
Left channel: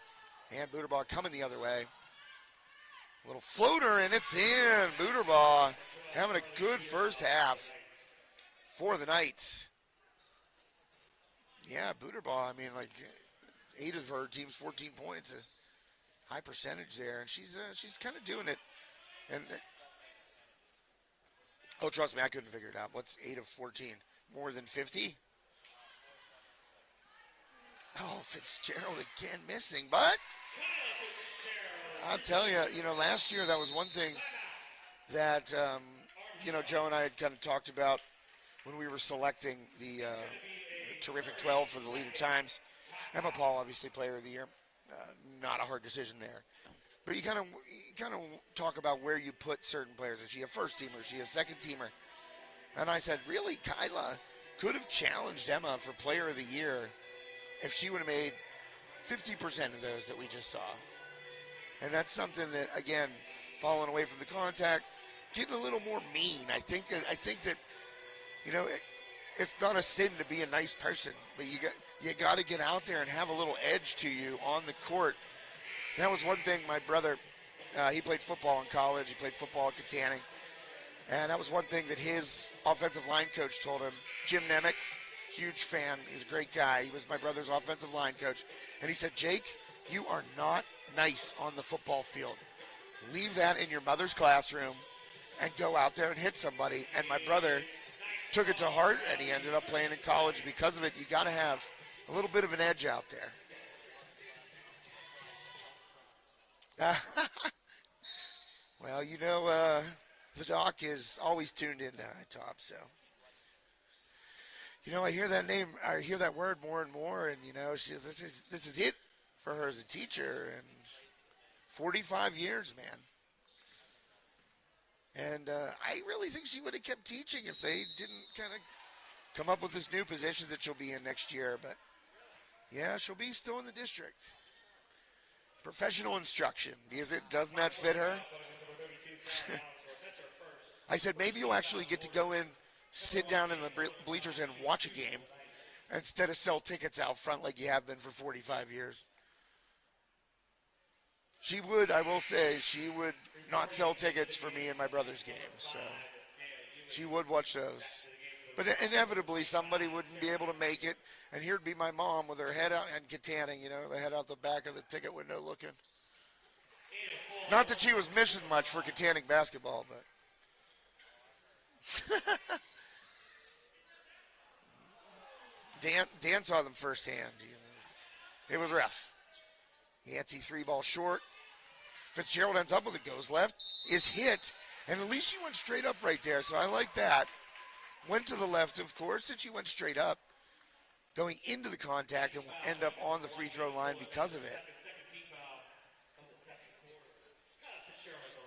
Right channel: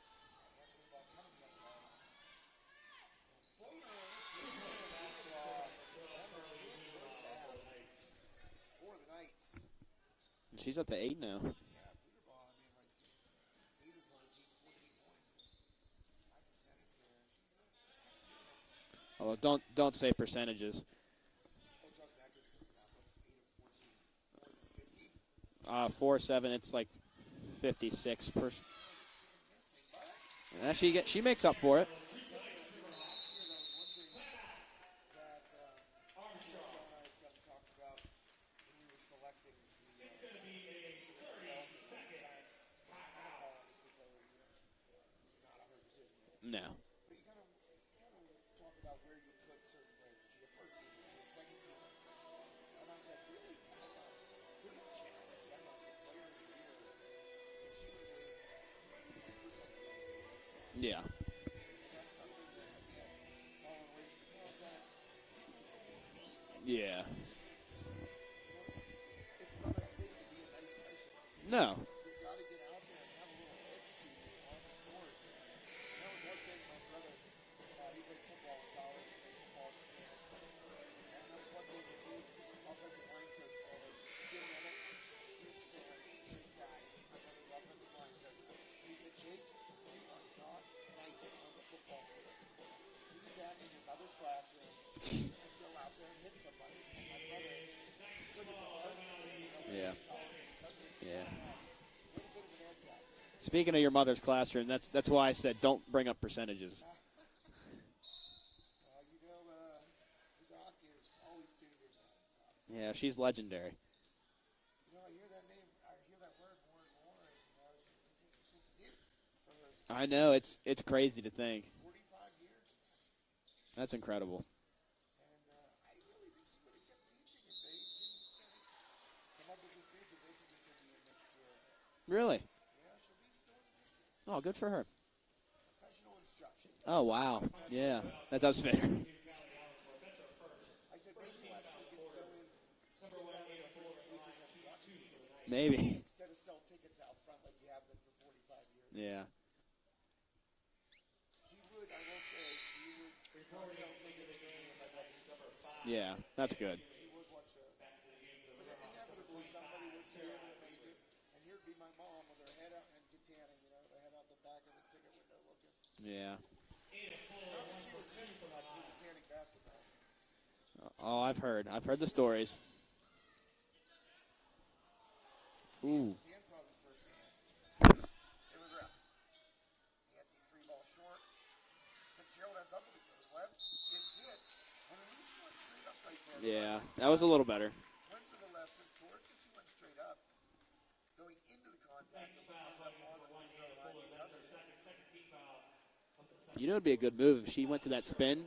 And Buderbaugh coming the other way. A little floater, and it's in. Buderbaugh having a good first half for the Knights. She's up to 8 now. Yeah, Buderbaugh, 8 of her team's 14 points. A high percentage there, and she's kind of doing it. Well, don't say percentages. Oh, trust me, I couldn't figure it out. What's 8 of 14? More than 50? 4-7, it's like 56. Oh, Fitzgerald again missing, but yeah, she makes up for it. I'll tell you, last year that was one thing that, Joe and I had kind of talked about when we were selecting the terrific 12 for the Leader Times. Emma Paul, obviously, Player of the Year. Not a hard decision there. No. But you kind of talk about where you put certain players. Is she a first teamer? Is she a second teamer? And I said, really, Kyla could have challenged Emma for Player of the Year if she would have made 50% of those that we just saw. Yeah. And that's something that, again, falling away from the contact, getting a little more mean. I think that it's not a sin to be a nice person, but you got to get out there and have a little edge to you on the court. That was one thing my brother, he played football in college. He played football at Katanning. And that was one thing that his offensive line coach told him. Jim Nemec, huge fan. He's a great guy. He was my brother's offensive line coach. And he said, Jake, you are not nice on the football field. Leave that in your mother's classroom and go out there and hit somebody. And my brother took it to heart, and he ended up playing in college because of it. You got to have a little bit of an edge out there. Speaking of your mother's classroom, that's why I said don't bring up percentages. Well, the doc is always tuned in to High Top. So. Yeah, she's legendary. I hear that name, I hear that word more and more, and this is it for her as a teacher. I know, it's crazy to think. 45 years, man. That's incredible. And I really think she would have kept teaching if they didn't kind of come up with this new position that she'll be in next year. But really? Yeah, she'll be still in the district. Oh, good for her. Professional instruction. Oh, wow. Doesn't that fit her? That does fit her. I said maybe you'll actually get to go in, sit down in the bleachers and watch a game. Maybe. Instead of sell tickets out front like you have been for 45 years. Yeah. She would, I will say, she would not sell tickets for me and my brother's games. So yeah, that's good. She would watch those. But inevitably, somebody wouldn't be able to make it. And here'd be my mom with her head out and Katanning, the head out the back of the ticket window looking. Yeah. Not that she was missing much for Katanning basketball, but. Oh, I've heard the stories. Dan saw them firsthand. It was rough. Yancey 3-ball short. Fitzgerald ends up with it, goes left, is hit, and at least she went straight up right there, so I like that. That was a little better. Went to the left, of course, and she went straight up, going into the contact and will end up on the free throw line because of it. You know, it'd be a good move if she went to that spin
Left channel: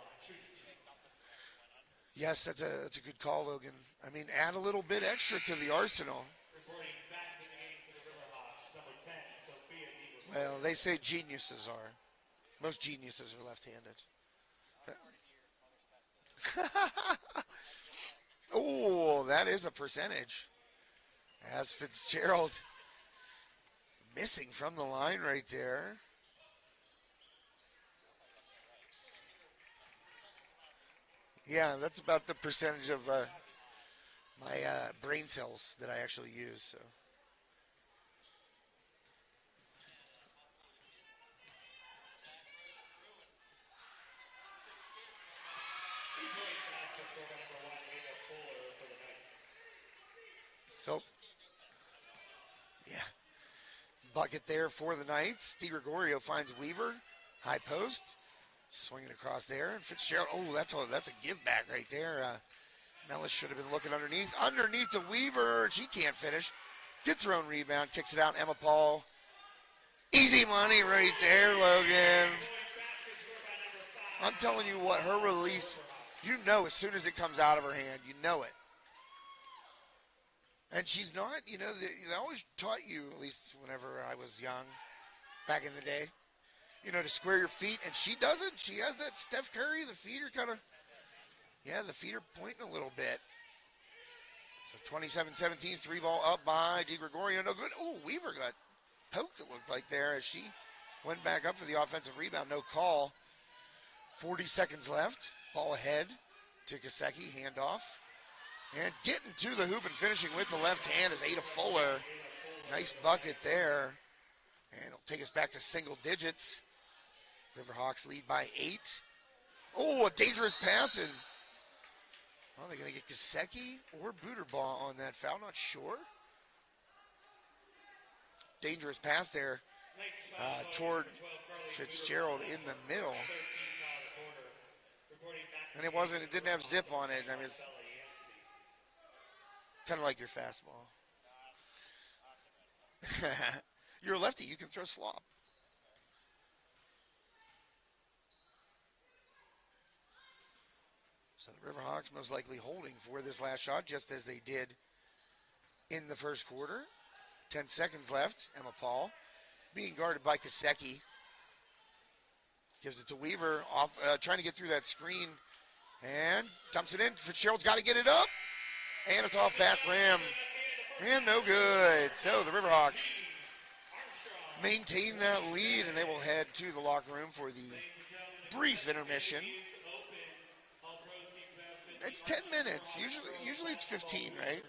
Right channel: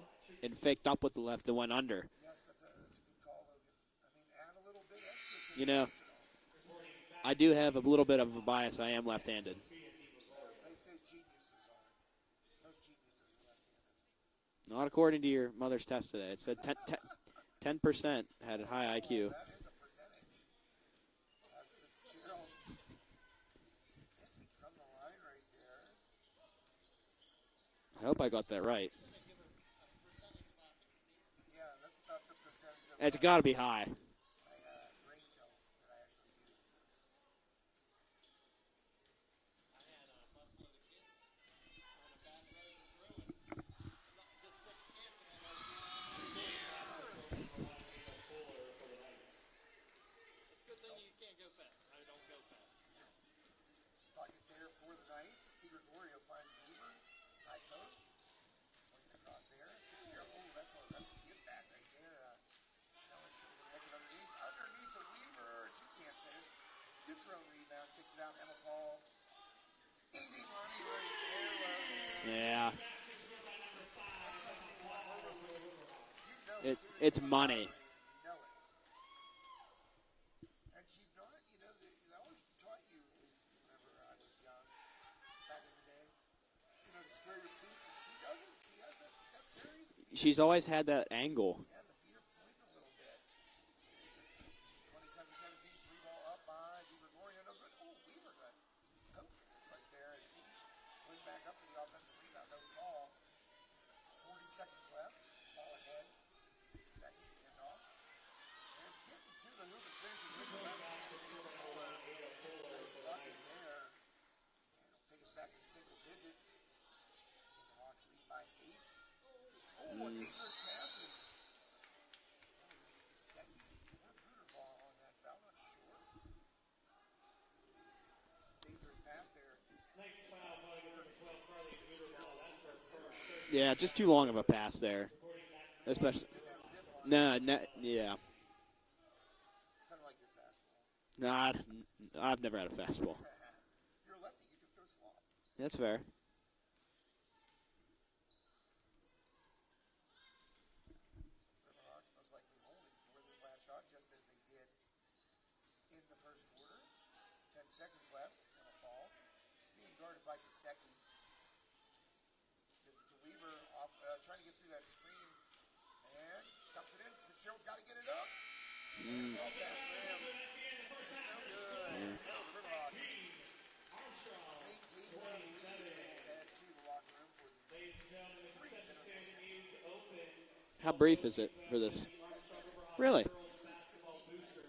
and faked up with the left and went under. Yes, that's a good call, Logan. I mean, add a little bit extra to the know, arsenal. I do have a little bit of a bias. I am left-handed. Well, they say geniuses are. Most geniuses are left-handed. Not according to your mother's test today. It said 10% have high Oh, IQ. that is a percentage. As Fitzgerald missing from the line right there. I hope I got that right. Yeah, that's about the percentage of It's got to be high. my brain cells that I actually use. So. So, yeah, bucket there for the Knights. DiGregorio finds Weaver, high post, swinging across there, and Fitzgerald. Oh, that's a give back right there. Mellis should have been looking underneath to Weaver. She can't finish. Gets her own rebound, kicks it out. Emma Paul, easy money right there, Logan. Yeah. I'm telling you what, her release, you know, as soon as it it's comes money. out of her hand, you know it. And she's not, you know, they always taught you, at least whenever I was young, back in the day, you know, to square your feet. And she doesn't. She has that Steph Curry, the feet. She's always had that angle. Yeah, the feet are pointing a little bit. So 27-17, 3-ball up by DiGregorio. No good. Oh, Weaver got poked, it looked like there, as she went back up for the offensive rebound. No call. 40 seconds left. Ball ahead to Kaseki. Handoff. And getting to the hoop and finishing with the left hand is Ada Fuller. Nice bucket there. And it'll take us back to single digits. Riverhawks lead by 8. Oh, a dangerous pass. And are they going to get Kaseki or Booterbaugh on that foul? Not sure. Dangerous pass there toward Fitzgerald in the middle. Yeah, just too long of a pass there. And it didn't have zip on it. No, I mean, yeah. kind of like your fastball. Nah, I've never had a fastball. You're a lefty. You can throw slop. That's fair. So the Riverhawks most likely holding for this last shot, just as they did in the first quarter. 10 seconds left. Emma Paul being guarded by Kaseki. Gives it to Weaver, off, trying to get through that screen. And dumps it in. Fitzgerald's got to get it up. And it's off back rim. And no good. So the Riverhawks maintain that lead, and they will head to the locker room for the brief intermission. How brief is it for this? It's 10 minutes. Really? Usually it's 15, right?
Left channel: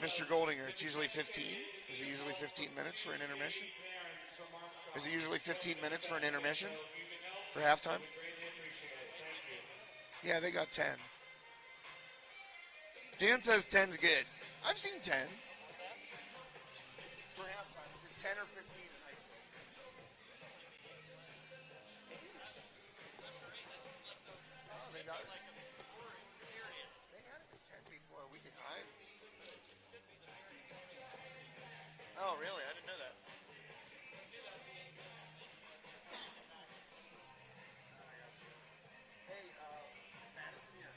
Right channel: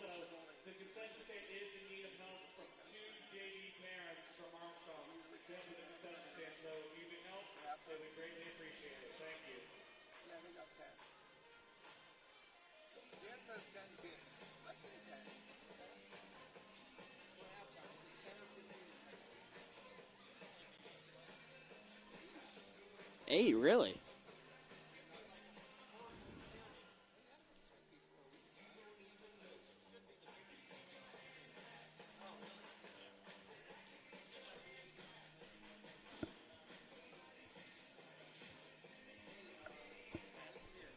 Mr. Goldinger, it's usually 15. Is it usually 15 minutes for an intermission? Is it usually 15 minutes for an intermission? For halftime? Yeah, they got 10. Dan says 10's good. I've seen 10. For halftime, is it 10 or 15 in high school? 8, really? They got it. They had it at 10 before we could hide. Oh, really? I didn't know that. Hey, is Madison here?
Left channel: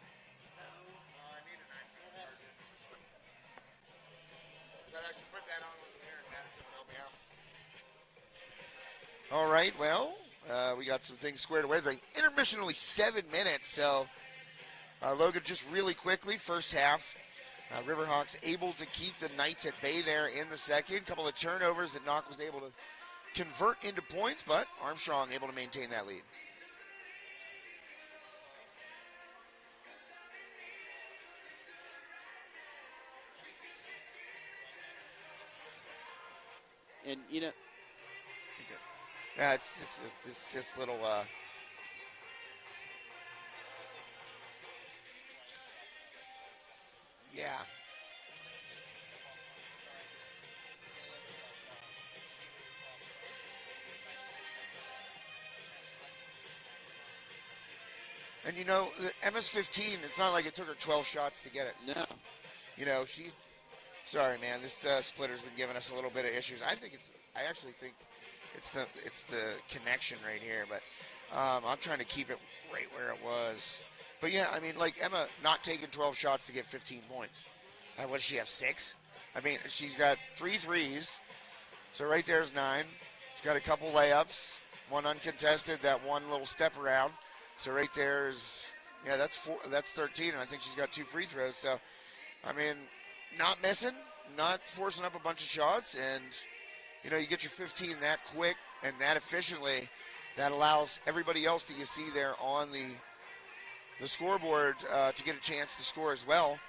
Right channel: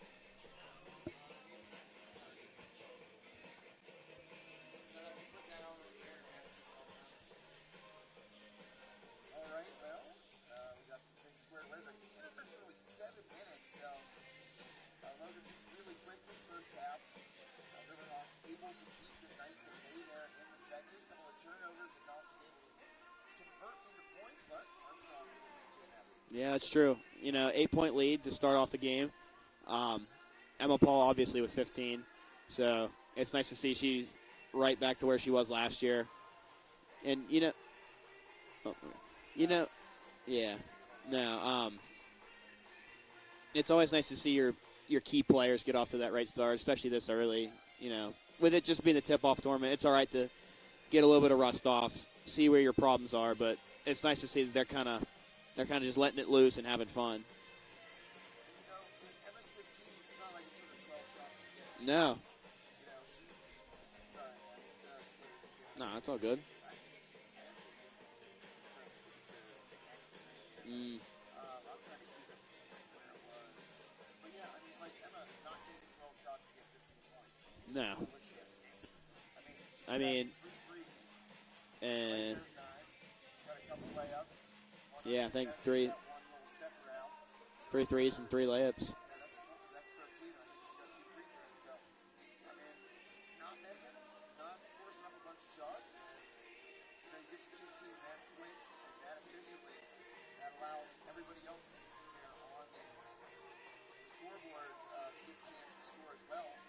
I need a 9. Said I should put that on over there and Madison will help me out. All right, well, we got some things squared away. The intermission only 7 minutes, so Logan, just really quickly, first half, Riverhawks able to keep the Knights at bay there in the second. Couple of turnovers that Knoch was able to convert into points, but Armstrong able to maintain that lead. Yeah, that's true. You know, 8-point lead to start off the game. Emma Paul obviously with 15, so it's nice to see she's right back to where she was last year. And, you know, It's just little. It's always nice to see your key players get off to that right start, especially this early. Yeah. You know, with it just being a tip-off tournament, it's all right to get a little bit of rust off, see where your problems are. But it's nice to see that they're kind of just letting it loose and having fun. And you know, Emma's 15. It's not like it took her 12 shots to get it. No. You know, she's. Sorry, man. This splitter's been giving us a little it's bit all of good. issues. I actually think it's it's the connection right here. But I'm trying to keep it right where it was. But yeah, I mean, like Emma not taking 12 shots to get 15 points. No. What does she have, 6? I mean, she's I got mean, 3 threes. So and right there's 9. She's got a couple layups, one Yeah, I think uncontested, three. that one little step around. So three right threes and there's 3 layups. yeah, that's 13, and I think she's got 2 free throws. So I mean, not missing, not forcing up a bunch of shots, and you know, you get your 15 that quick and that efficiently. That allows everybody else that you see there on the scoreboard to get a chance to score as well.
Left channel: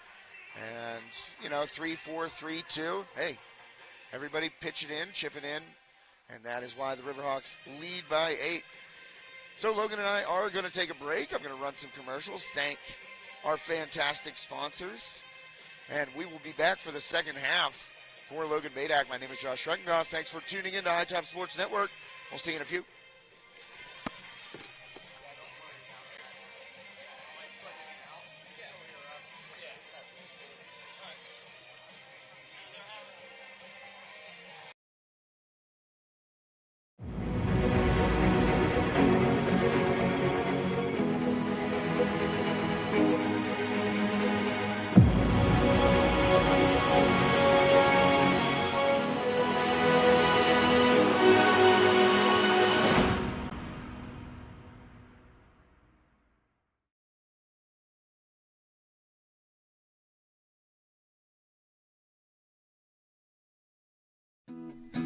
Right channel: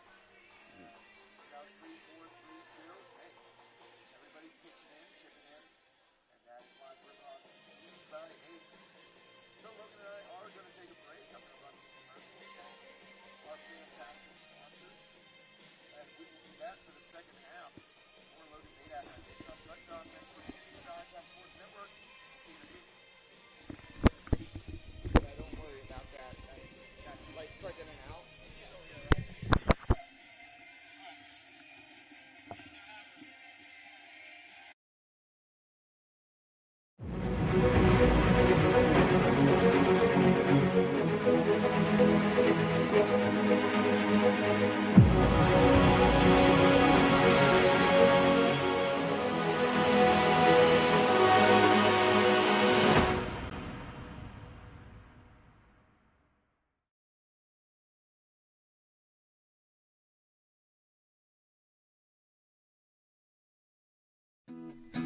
And you know, 3-4, 3-2. Hey, everybody pitching in, chipping in, and that is why the Riverhawks lead by 8. So Logan and I are going to take a break. I'm going to run some commercials. Thank our fantastic sponsors. And we will be back for the second half for Logan Badak. My name is Josh Schreckengoss. Thanks for tuning in to High Top Sports Network. We'll see you in a few.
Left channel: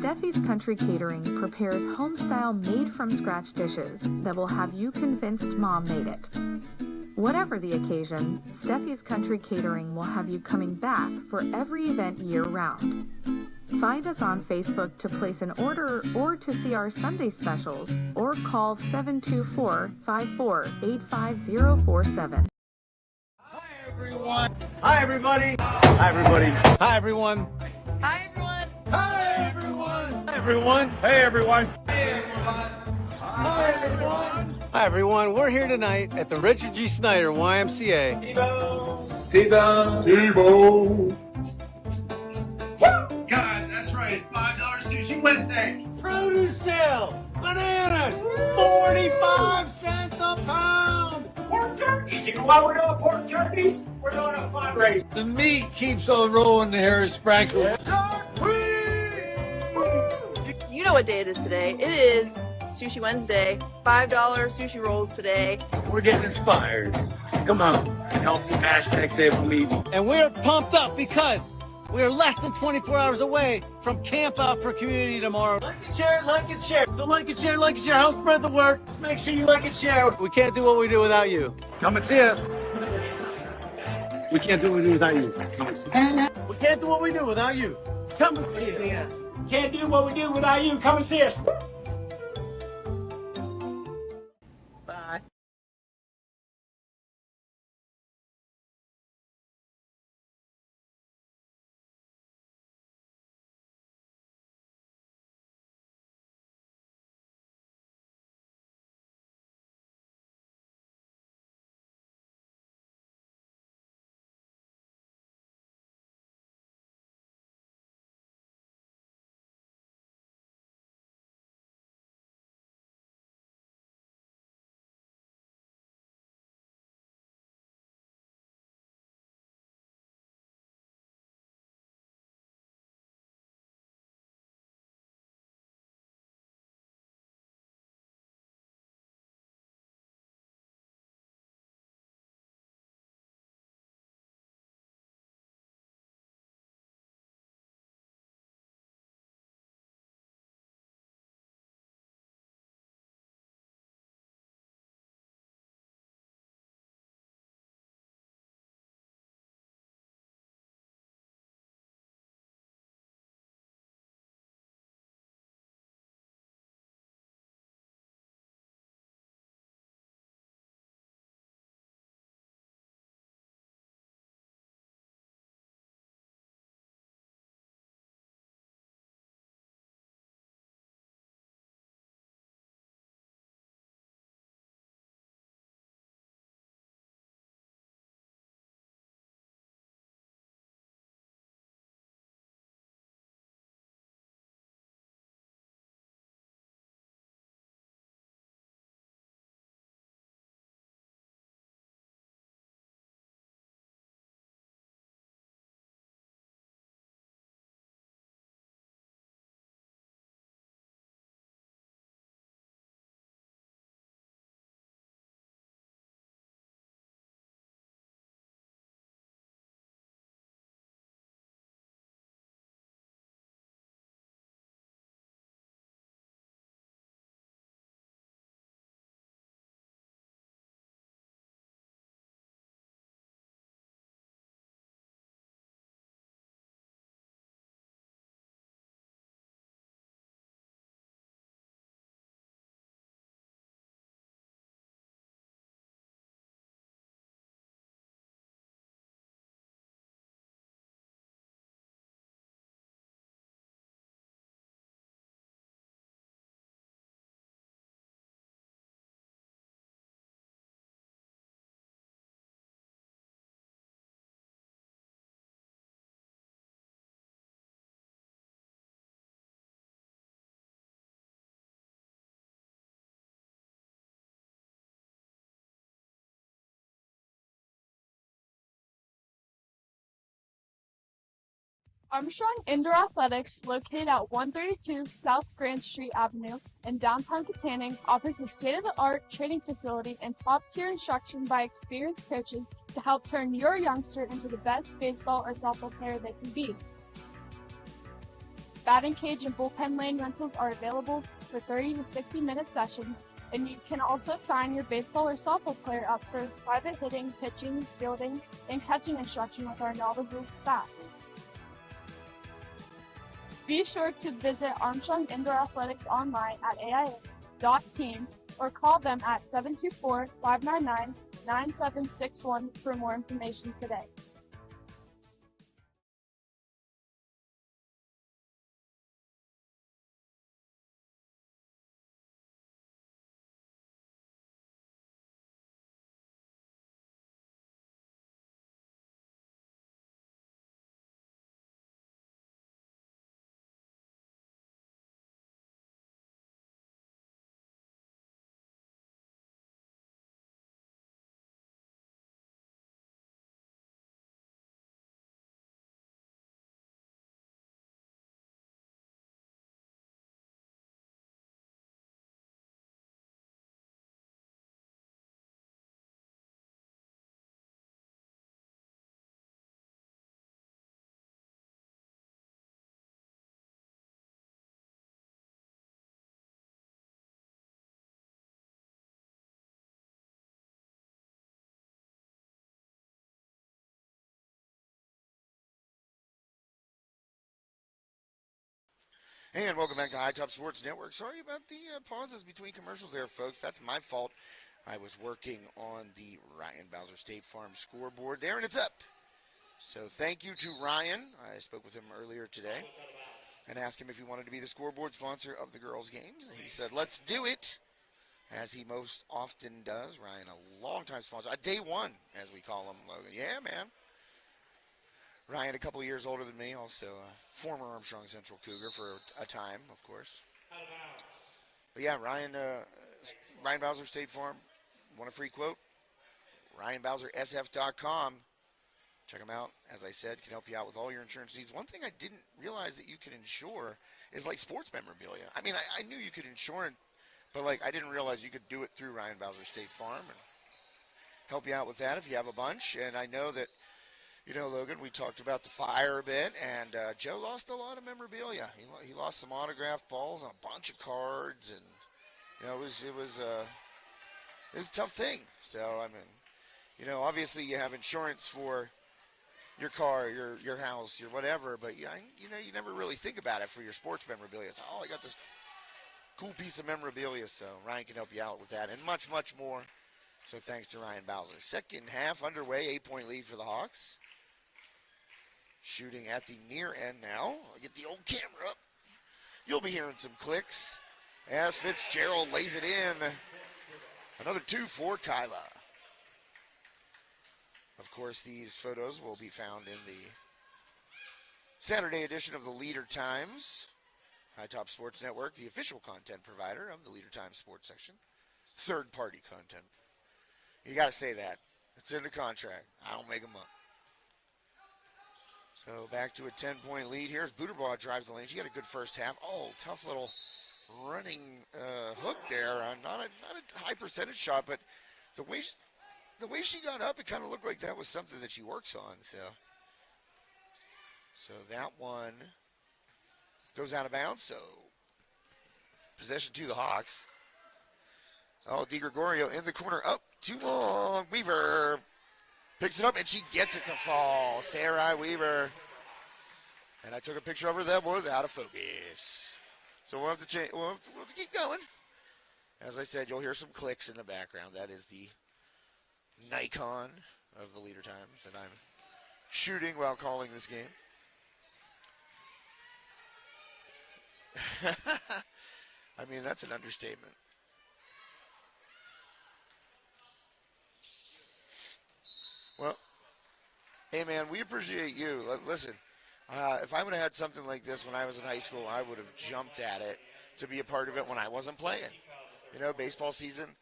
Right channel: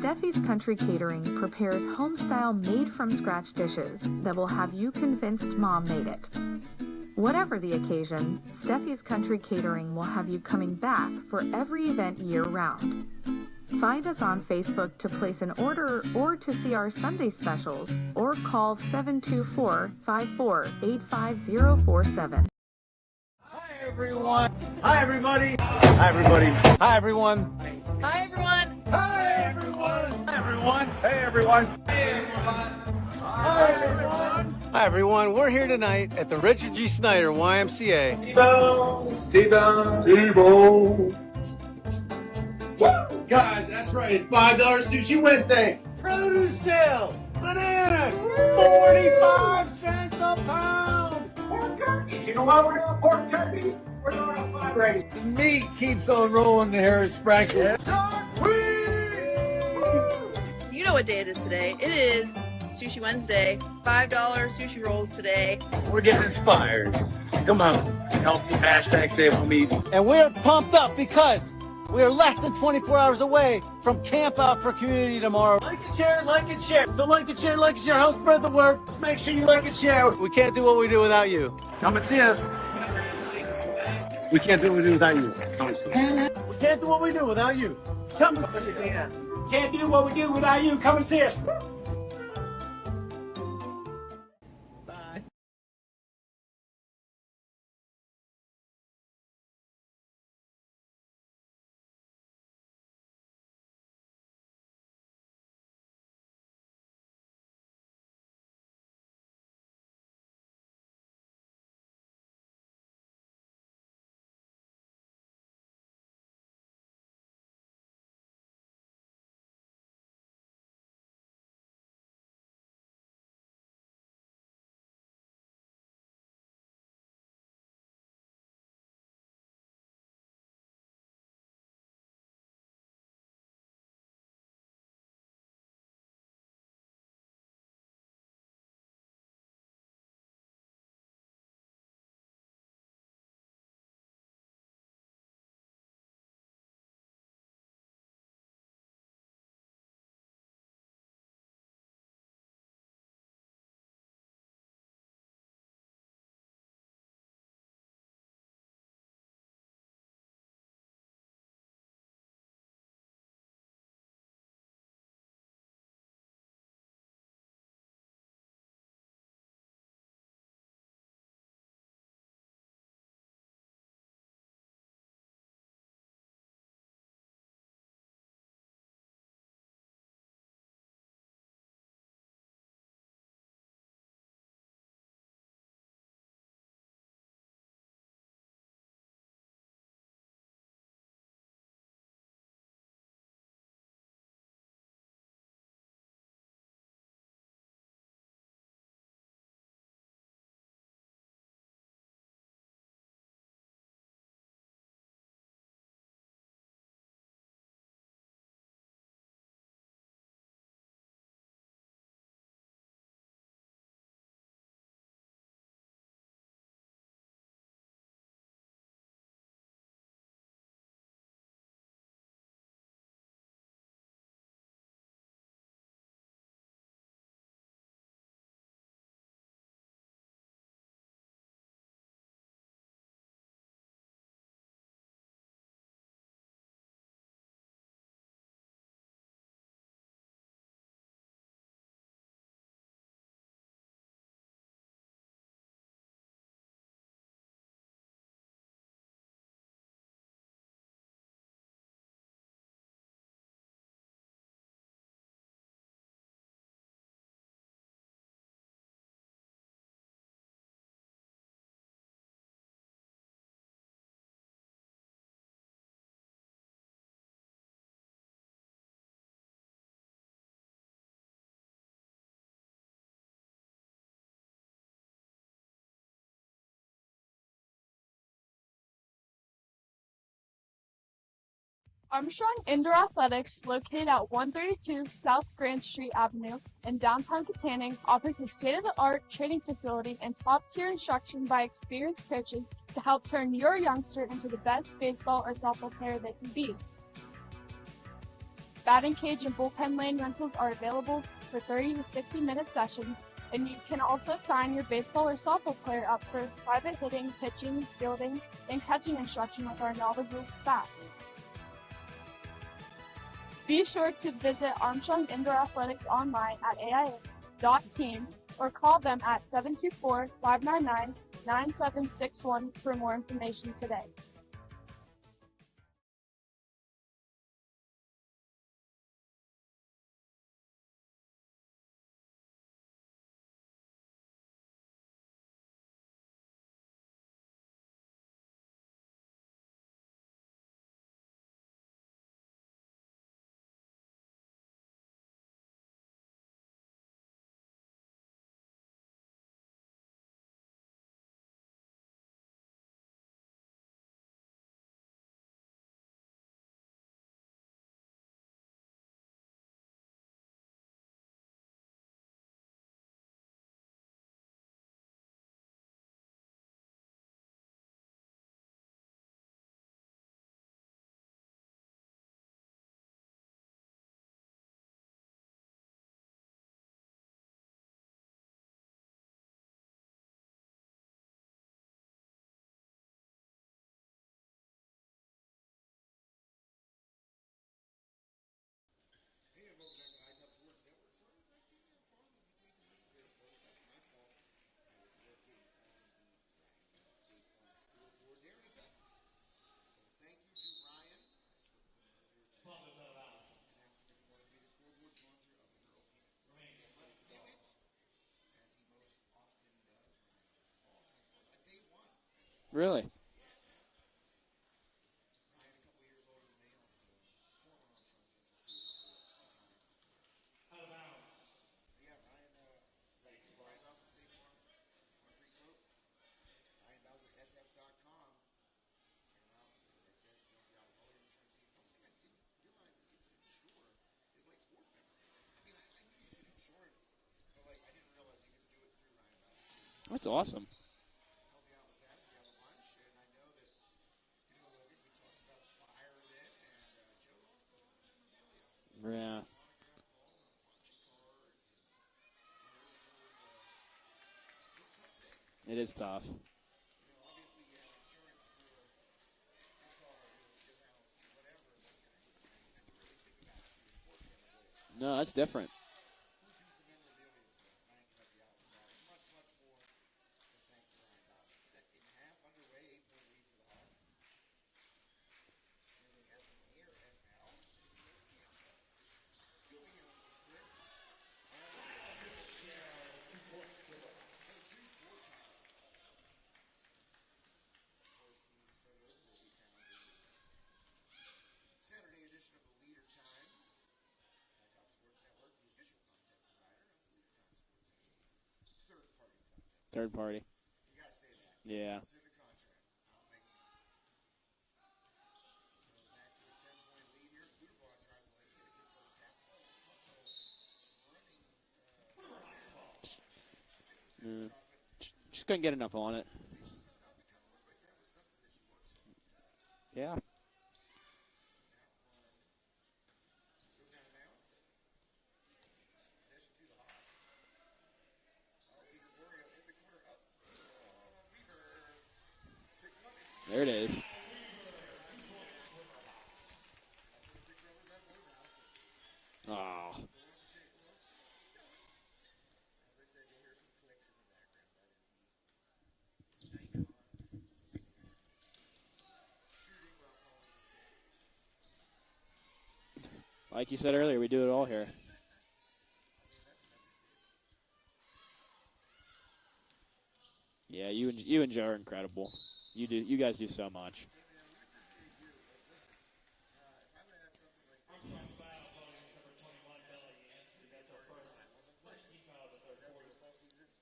Steffi's Country Catering prepares home-style made-from-scratch dishes that will have you convinced Mom made it. Whatever the occasion, Steffi's Country Catering will have you coming back for every event year-round. Find us on Facebook to place an order or to see our Sunday specials, or call 724-54-85047. Hi everyone. Hi everybody. Hi everybody. Hi everyone. Hi everyone. Hi everyone. Hi everyone. Hey everyone. Hey everyone. Hi everyone. Hi everyone. We're here tonight at the Richard G. Snyder YMCA. T-Bone. Woo! Guys, that's right. It's $5 sushi Wednesday. Produce sale. Bananas. 45 cents a pound. Pork turkeys. You know why we're doing pork turkeys? We're doing a fundraiser. The meat keeps on rolling. The hair is sprankled. You know what day it is today. It is Sushi Wednesday. $5 sushi rolls today. We're getting inspired. Come on and help me hashtag save on meat. And we're pumped up because we are less than 24 hours away from Camp Out for Community tomorrow. Like and share, like and share. So like and share, like and share. Help spread the word. Just make sure you like and share. We can't do what we do without you. Come and see us. We can't do what we do without you. Come and see us. We can't do what we do without you. Come and see us. Can't do what we do without you. Come and see us. Armstrong Indoor Athletics, located at 132 South Grand Street Avenue in downtown Katanning, offers a state-of-the-art training facility and top-tier instruction by experienced coaches to help turn your youngster into the best baseball or softball player they can be. Batting cage and bullpen lane rentals are available for 30 to 60-minute sessions, and you can also sign your baseball or softball player up for private hitting, pitching, fielding, and catching instruction with our knowledgeable staff. Be sure to visit Armstrong Indoor Athletics online at aia.team or call them at 724-599-9761 for more information today. And welcome back to High Top Sports Network. Sorry about the pauses between commercials there, folks. That's my fault. I was working on the Ryan Bowser State Farm scoreboard there, and it's up. So thank you to Ryan. I spoke with him earlier today and asked him if he wanted to be the scoreboard sponsor of the girls' games. And he said, let's do it, as he most often does. Ryan, a longtime sponsor. Day one, as we call Really? him, Logan. Yeah, man. Ryan, a couple of years older than me, also a former Armstrong Central Cougar for a time, of course. But yeah, Ryan Bowser State Farm, want a free quote? RyanBowserSF.com. Check them out. As I said, can help you out with all your insurance needs. One thing I didn't realize that you can insure is like sports memorabilia. I mean, I knew you could insure it, but like I didn't realize you could do it through Ryan Bowser State Farm. That's awesome. Help you out with that if you have a bunch. And I know that, you know, Logan, we talked about the fire a bit, and Joe lost a lot of memorabilia. He lost some autographed balls and a bunch of cards, and you know, it was a tough thing. It is tough. You know, obviously you have insurance for your car, your house, your whatever, but you know, you never really think about it for your sports memorabilia. It's No, that's different. Cool piece of memorabilia. So Ryan can help you out with that and much, much more. So thanks to Ryan Bowser. Second half underway, 8-point lead for the Hawks. Shooting at the near end now. I'll get the old camera up. You'll be hearing some clicks as Fitzgerald lays it in. Another 2 for Kyla. Of course, these photos will be found in the Saturday edition of the Leader Times. High Top Sports Network, the official content provider of the Leader Times sports section. Third-party content. Third party. You got to say that. Yeah. It's in the contract. I don't make them up. So back to a 10-point lead. Here's Buterbaugh drives the lane. She got a good first half. Oh, tough little running hook there. Not a high percentage shot, but Just couldn't get enough on it. The way she got up, it kind of looked like that was something that she works on. So yeah. So that one goes out of bounds. So possession to the Hawks. Oh, DiGregorio in the corner. Oh, too long. Weaver picks it up, and she gets it to fall. Sarai Weaver. And I took a picture of her that was out of focus. Oh. So we'll have to change. We'll have to keep going. As I said, you'll hear some clicks in the background. That is the Nikon of the Leader Times that I'm shooting while calling this game. Like you said earlier, we do it all here. I mean, that's an understatement. Yeah, you and Joe are incredible. You guys do so much. Hey, man, we appreciate you. Listen, if I would have had something like this when I was in high school, I would have jumped at it to be a part of it when I wasn't playing. You know, baseball season,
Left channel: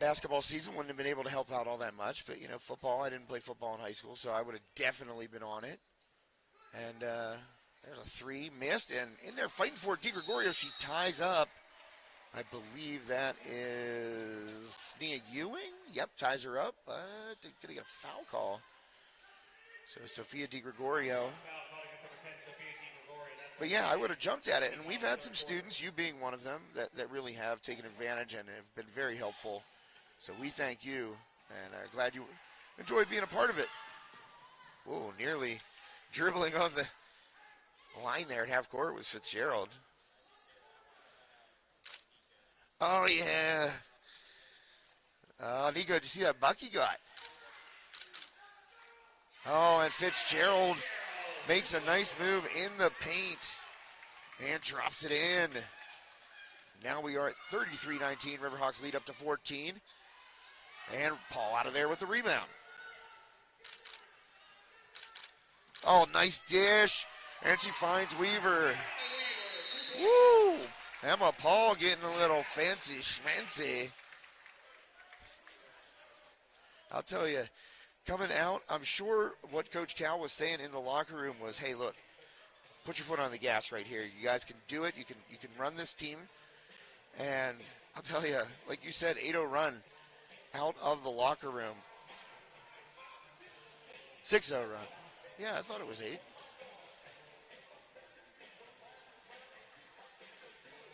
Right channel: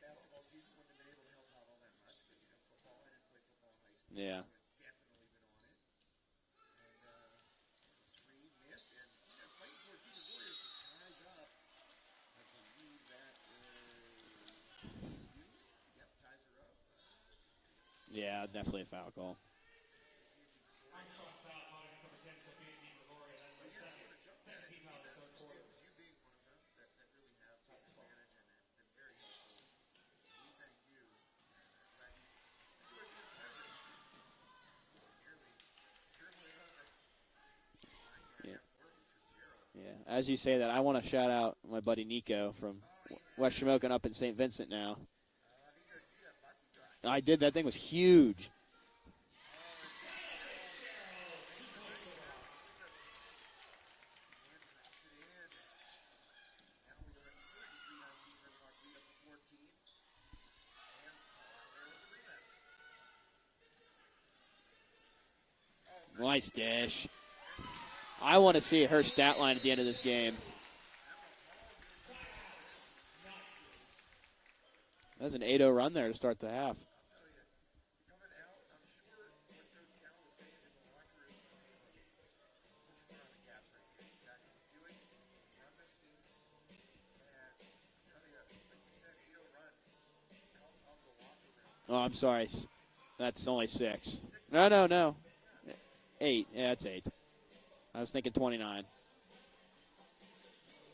basketball season wouldn't have been able to help out all that much. But, you know, football, I didn't play football in high school, so I would have definitely been on it. And there's a three, missed. And in there fighting for it, DiGregorio, she ties up. I believe that is Nia Ewing. Yep, ties her up. Gonna get a foul call. Yeah, definitely a foul call. So Sophia DiGregorio. Foul called against number 10, Sophia DiGregorio. That's But yeah, I would have jumped at it. And we've had some students, you being one of them, that really have taken advantage and have been very helpful. So we thank you and are glad you enjoyed being a part of it. Whoa, nearly dribbling on the line there at half court was Fitzgerald. Yeah. As you say that, I want to shout out my buddy Nico from Oh, West yeah. Smoking up in St. Vincent now. Nico, did you see that buck he got? I did. That thing was huge. Oh, and Fitzgerald makes a nice move in the paint and drops it in. Now we are at 33-19. Riverhawks lead up to 14. And Paul out of there with the rebound. Oh, nice dish. And she finds Weaver. I want to see her stat line at the end of this game. Woo! Emma Paul getting a little fancy schmancy. That was an 8-0 run there to start the half. I'll tell you, coming out, I'm sure what Coach Cal was saying in the locker room was, hey, look, put your foot on the gas right here. You guys can do it. You can run this team. And I'll tell you, like you said, 8-0 run out of the locker room. Oh, I'm sorry. That's only 6. 6-0. No. Yeah, I thought it was 8. 8. Yeah, it's 8. I was thinking 29.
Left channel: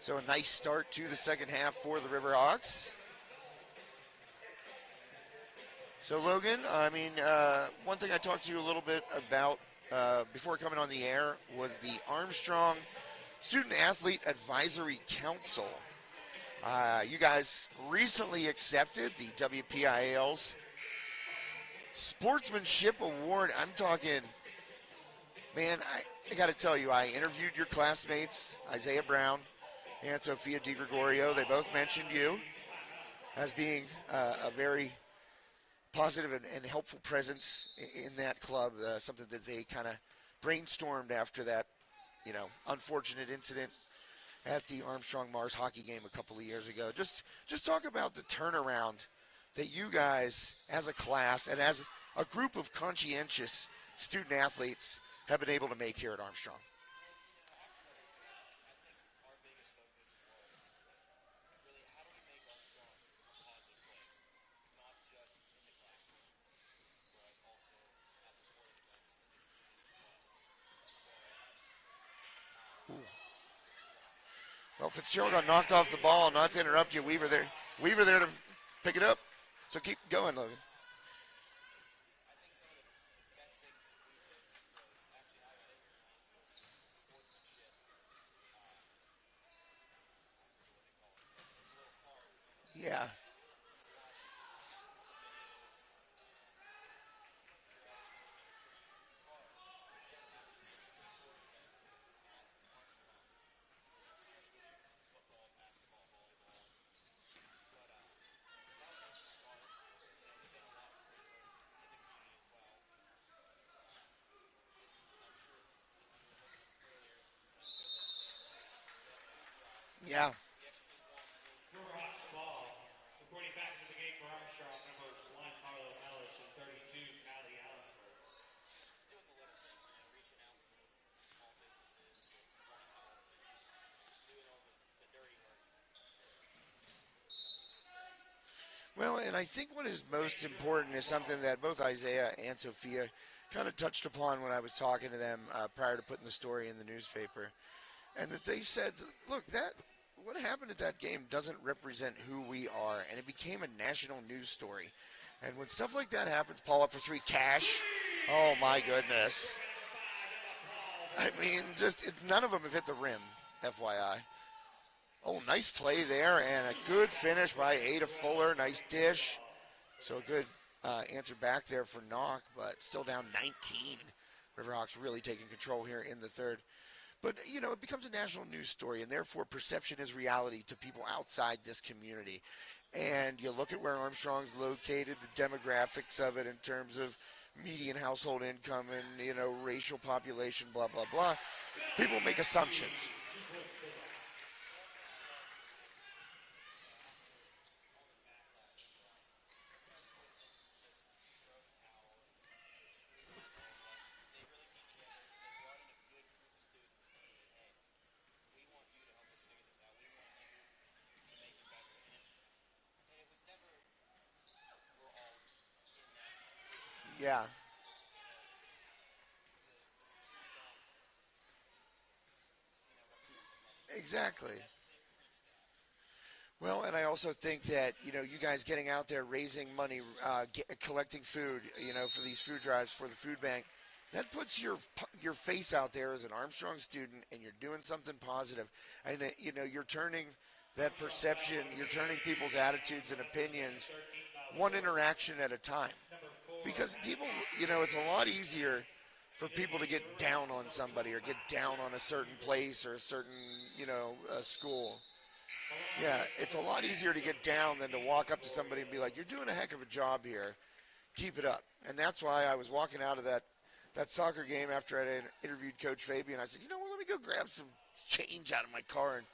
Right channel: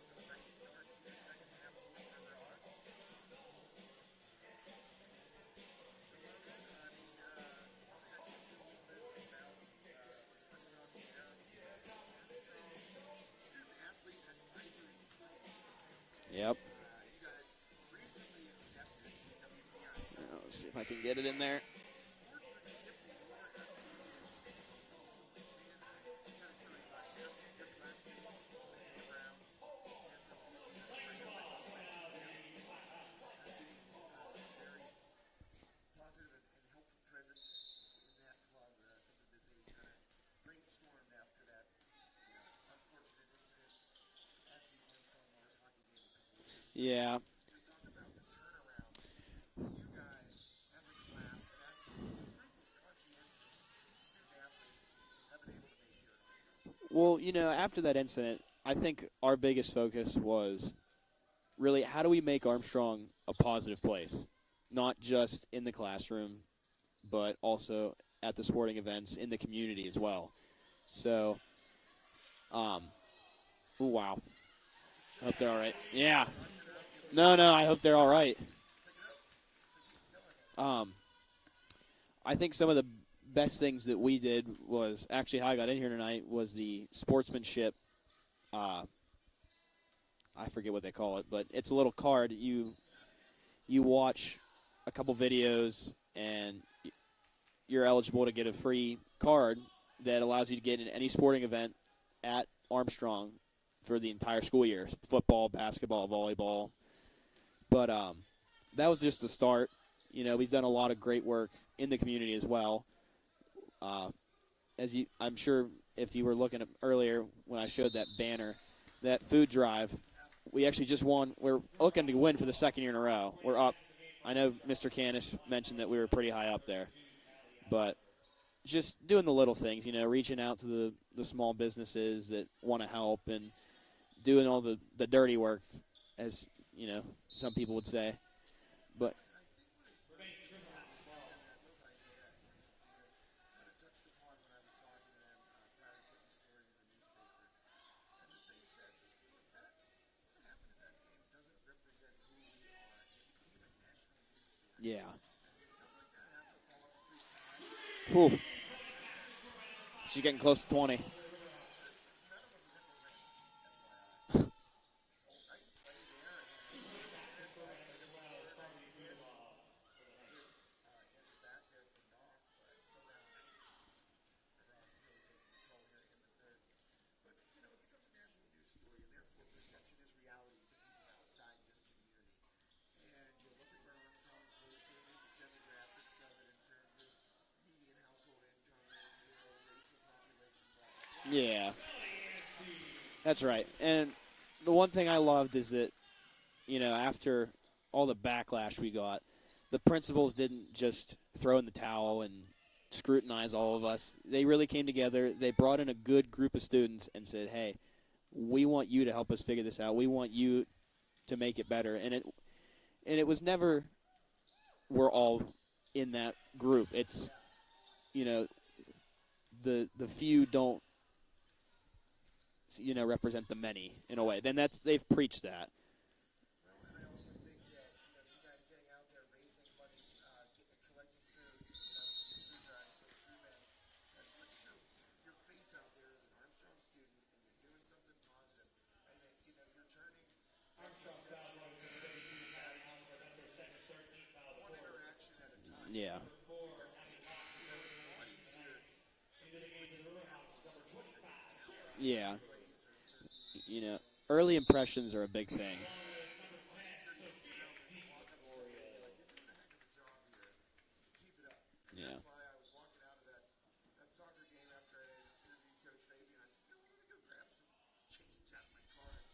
So a nice start to the second half for the Riverhawks. So Logan, I mean, one thing I talked to you a little bit about before coming on the air was the Armstrong Student Athlete Advisory Council. Yep. You guys recently accepted the WPIAL's See if I can get it in there. Sportsmanship Award. I'm talking, man, I got to tell you, I interviewed your classmates, Isaiah Brown and Sophia DiGregorio. They both mentioned you as being a very positive and helpful presence in that club, something that they kind of brainstormed after that, unfortunate incident at the Armstrong Mars hockey game a couple of years ago. Yeah. Just talk about the turnaround that you guys as a class and as a group of conscientious student athletes have been able to make here at Armstrong. Well, after that incident, I think our biggest focus was really how do we make Armstrong a positive place, not just in the classroom, but also at the sporting events in the community as well. So, wow. Well, Fitzgerald That's got all knocked right. off the Yeah. ball. Not to interrupt you. No, I hope they're we were all there right. to pick it up. So keep going, Logan. I think some of the best things that we did was actually how I got in here tonight was the sportsmanship. I forget what they call it, but it's a little card. You watch a couple videos and you're eligible to get a free card that allows you to get in any sporting event at Armstrong for the entire school year: football, basketball, volleyball. But that was just the start. We've done a lot of great work in the community as well. I'm sure if you were looking at earlier when I showed that banner, that food drive. Yeah. We actually just won. We're looking to win for the second year in a row. We're up. I know Mr. Canis mentioned that we were pretty high up there. But just doing the little things, reaching out to the small businesses that want to help and doing all the dirty work, as, some people would say. Well, and I think what is most important is something that both Isaiah and Sophia kind of touched upon when I was talking to them prior to putting the story in the newspaper. And that they said, look, what happened at that game doesn't represent who we are. And it became a national news story. Yeah. And when stuff like that happens, Paul up for 3, cash. Ooh. Oh, my goodness. She's getting close to 20. I mean, none of them have hit the rim, FYI. Oh, nice play there, and a good finish by Ada Fuller. Nice dish. So a good answer back there for Knoch, but still down 19. Riverhawks really taking control here in the third. But, it becomes a national news story, and therefore perception is reality to people outside this community. And you look at where Armstrong's located, the demographics of it in terms of median household income and, racial population, blah, blah, blah. Yeah. People make assumptions. That's right. And the one thing I loved is that, after all the backlash we got, the principals didn't just throw in the towel and scrutinize all of us. They really came together. They brought in a good group of students and said, hey, we want you to help us figure this out. We want you to make it better. And it was never we're all in that group. It's, the few don't, represent the many in a way. Then they've preached that. Well, and I also think that, you guys getting out there, raising money, collecting food, for these food drives for the food bank, that puts your face out there as an Armstrong student, and you're doing something positive. And, you're turning that perception, you're turning people's attitudes and opinions one interaction at a time. Yeah. Because people, it's a lot easier for people to get down on somebody or get down on a certain place or a certain, early school. Impressions are a big thing. Yeah, it's a lot easier to get down than to walk up to somebody and be like, you're doing a heck of a job here. Keep it up. And that's why I was walking out of that soccer game after I had interviewed Coach Fabian. I said, let me go grab some change out of my car and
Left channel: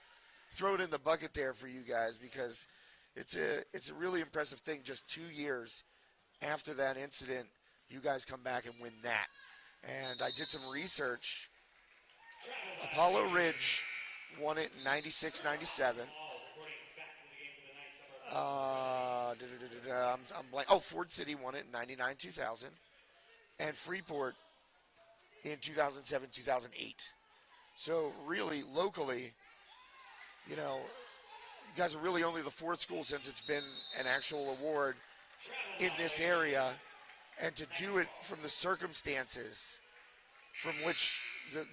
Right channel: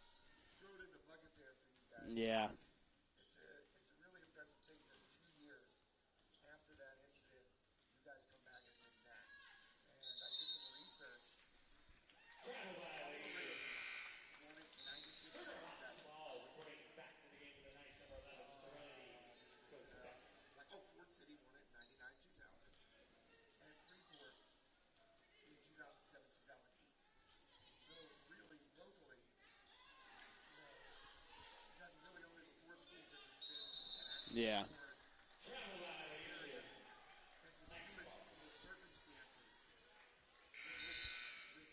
throw it in the bucket there for you guys because it's a really impressive thing. Just 2 years after that incident, you guys come back and win that. And I did some research. Apollo Ridge won it in 96, 97. I'm blank. Oh, Ford City won it in 99, 2000. And Freeport in 2007, 2008. So really, locally, you guys are really only the fourth school since it's been an actual award in this area. And to do it from the circumstances from which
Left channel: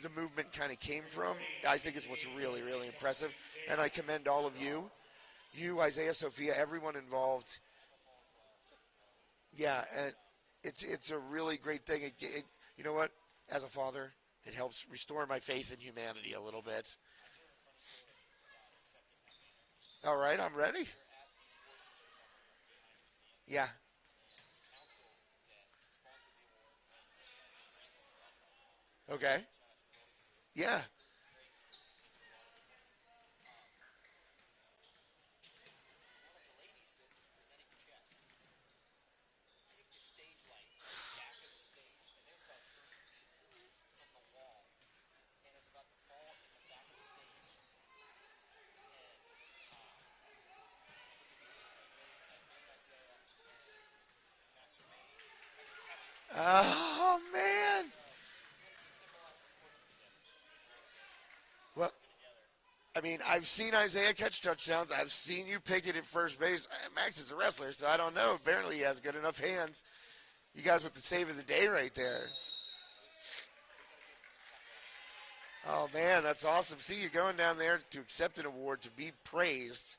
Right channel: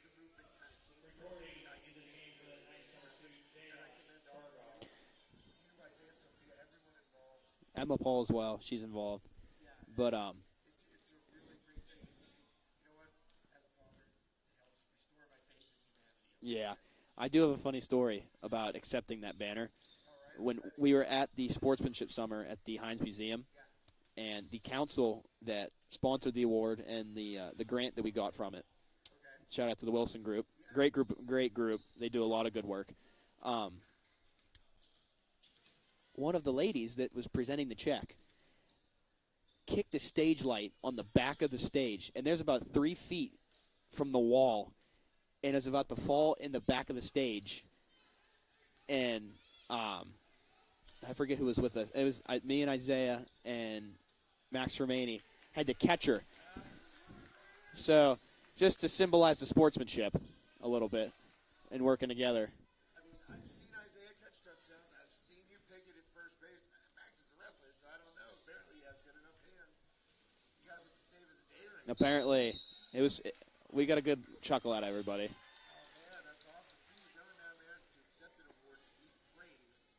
the movement kind of came from, I think is what's really, really impressive. And I commend all of you, Isaiah, Sophia, everyone involved. Emma Paul as well. She's involved. Yeah. But it's a really great thing. You know what? As a father, it helps restore my faith in humanity a little bit. I do have a funny story about accepting that banner. All right, I'm ready. We were at the Sportsmanship Summer at the Heinz Museum. Yeah. And the council that sponsored the award and the grant that we got from it. Okay. Shout out to the Wilson Group. Yeah. Great group. They do a lot of good work. One of the ladies that was presenting the check kicked a stage light on the back of the stage, and there's about 3 feet from the wall, and it's about to fall in the back of the stage. And I forget who was with us. It was me and Isaiah and Max Romani had to catch her. Oh, man. So just to symbolize the sportsmanship a little bit and working together. I mean, I've seen Isaiah catch touchdowns. I've seen you pick it at first base. Max is a wrestler, so I don't know. Apparently he has good enough hands. You guys with the save of the day there. Apparently. We got a good chuckle out of everybody. Oh, man, that's awesome. See, you're going down there to accept an award, to be praised,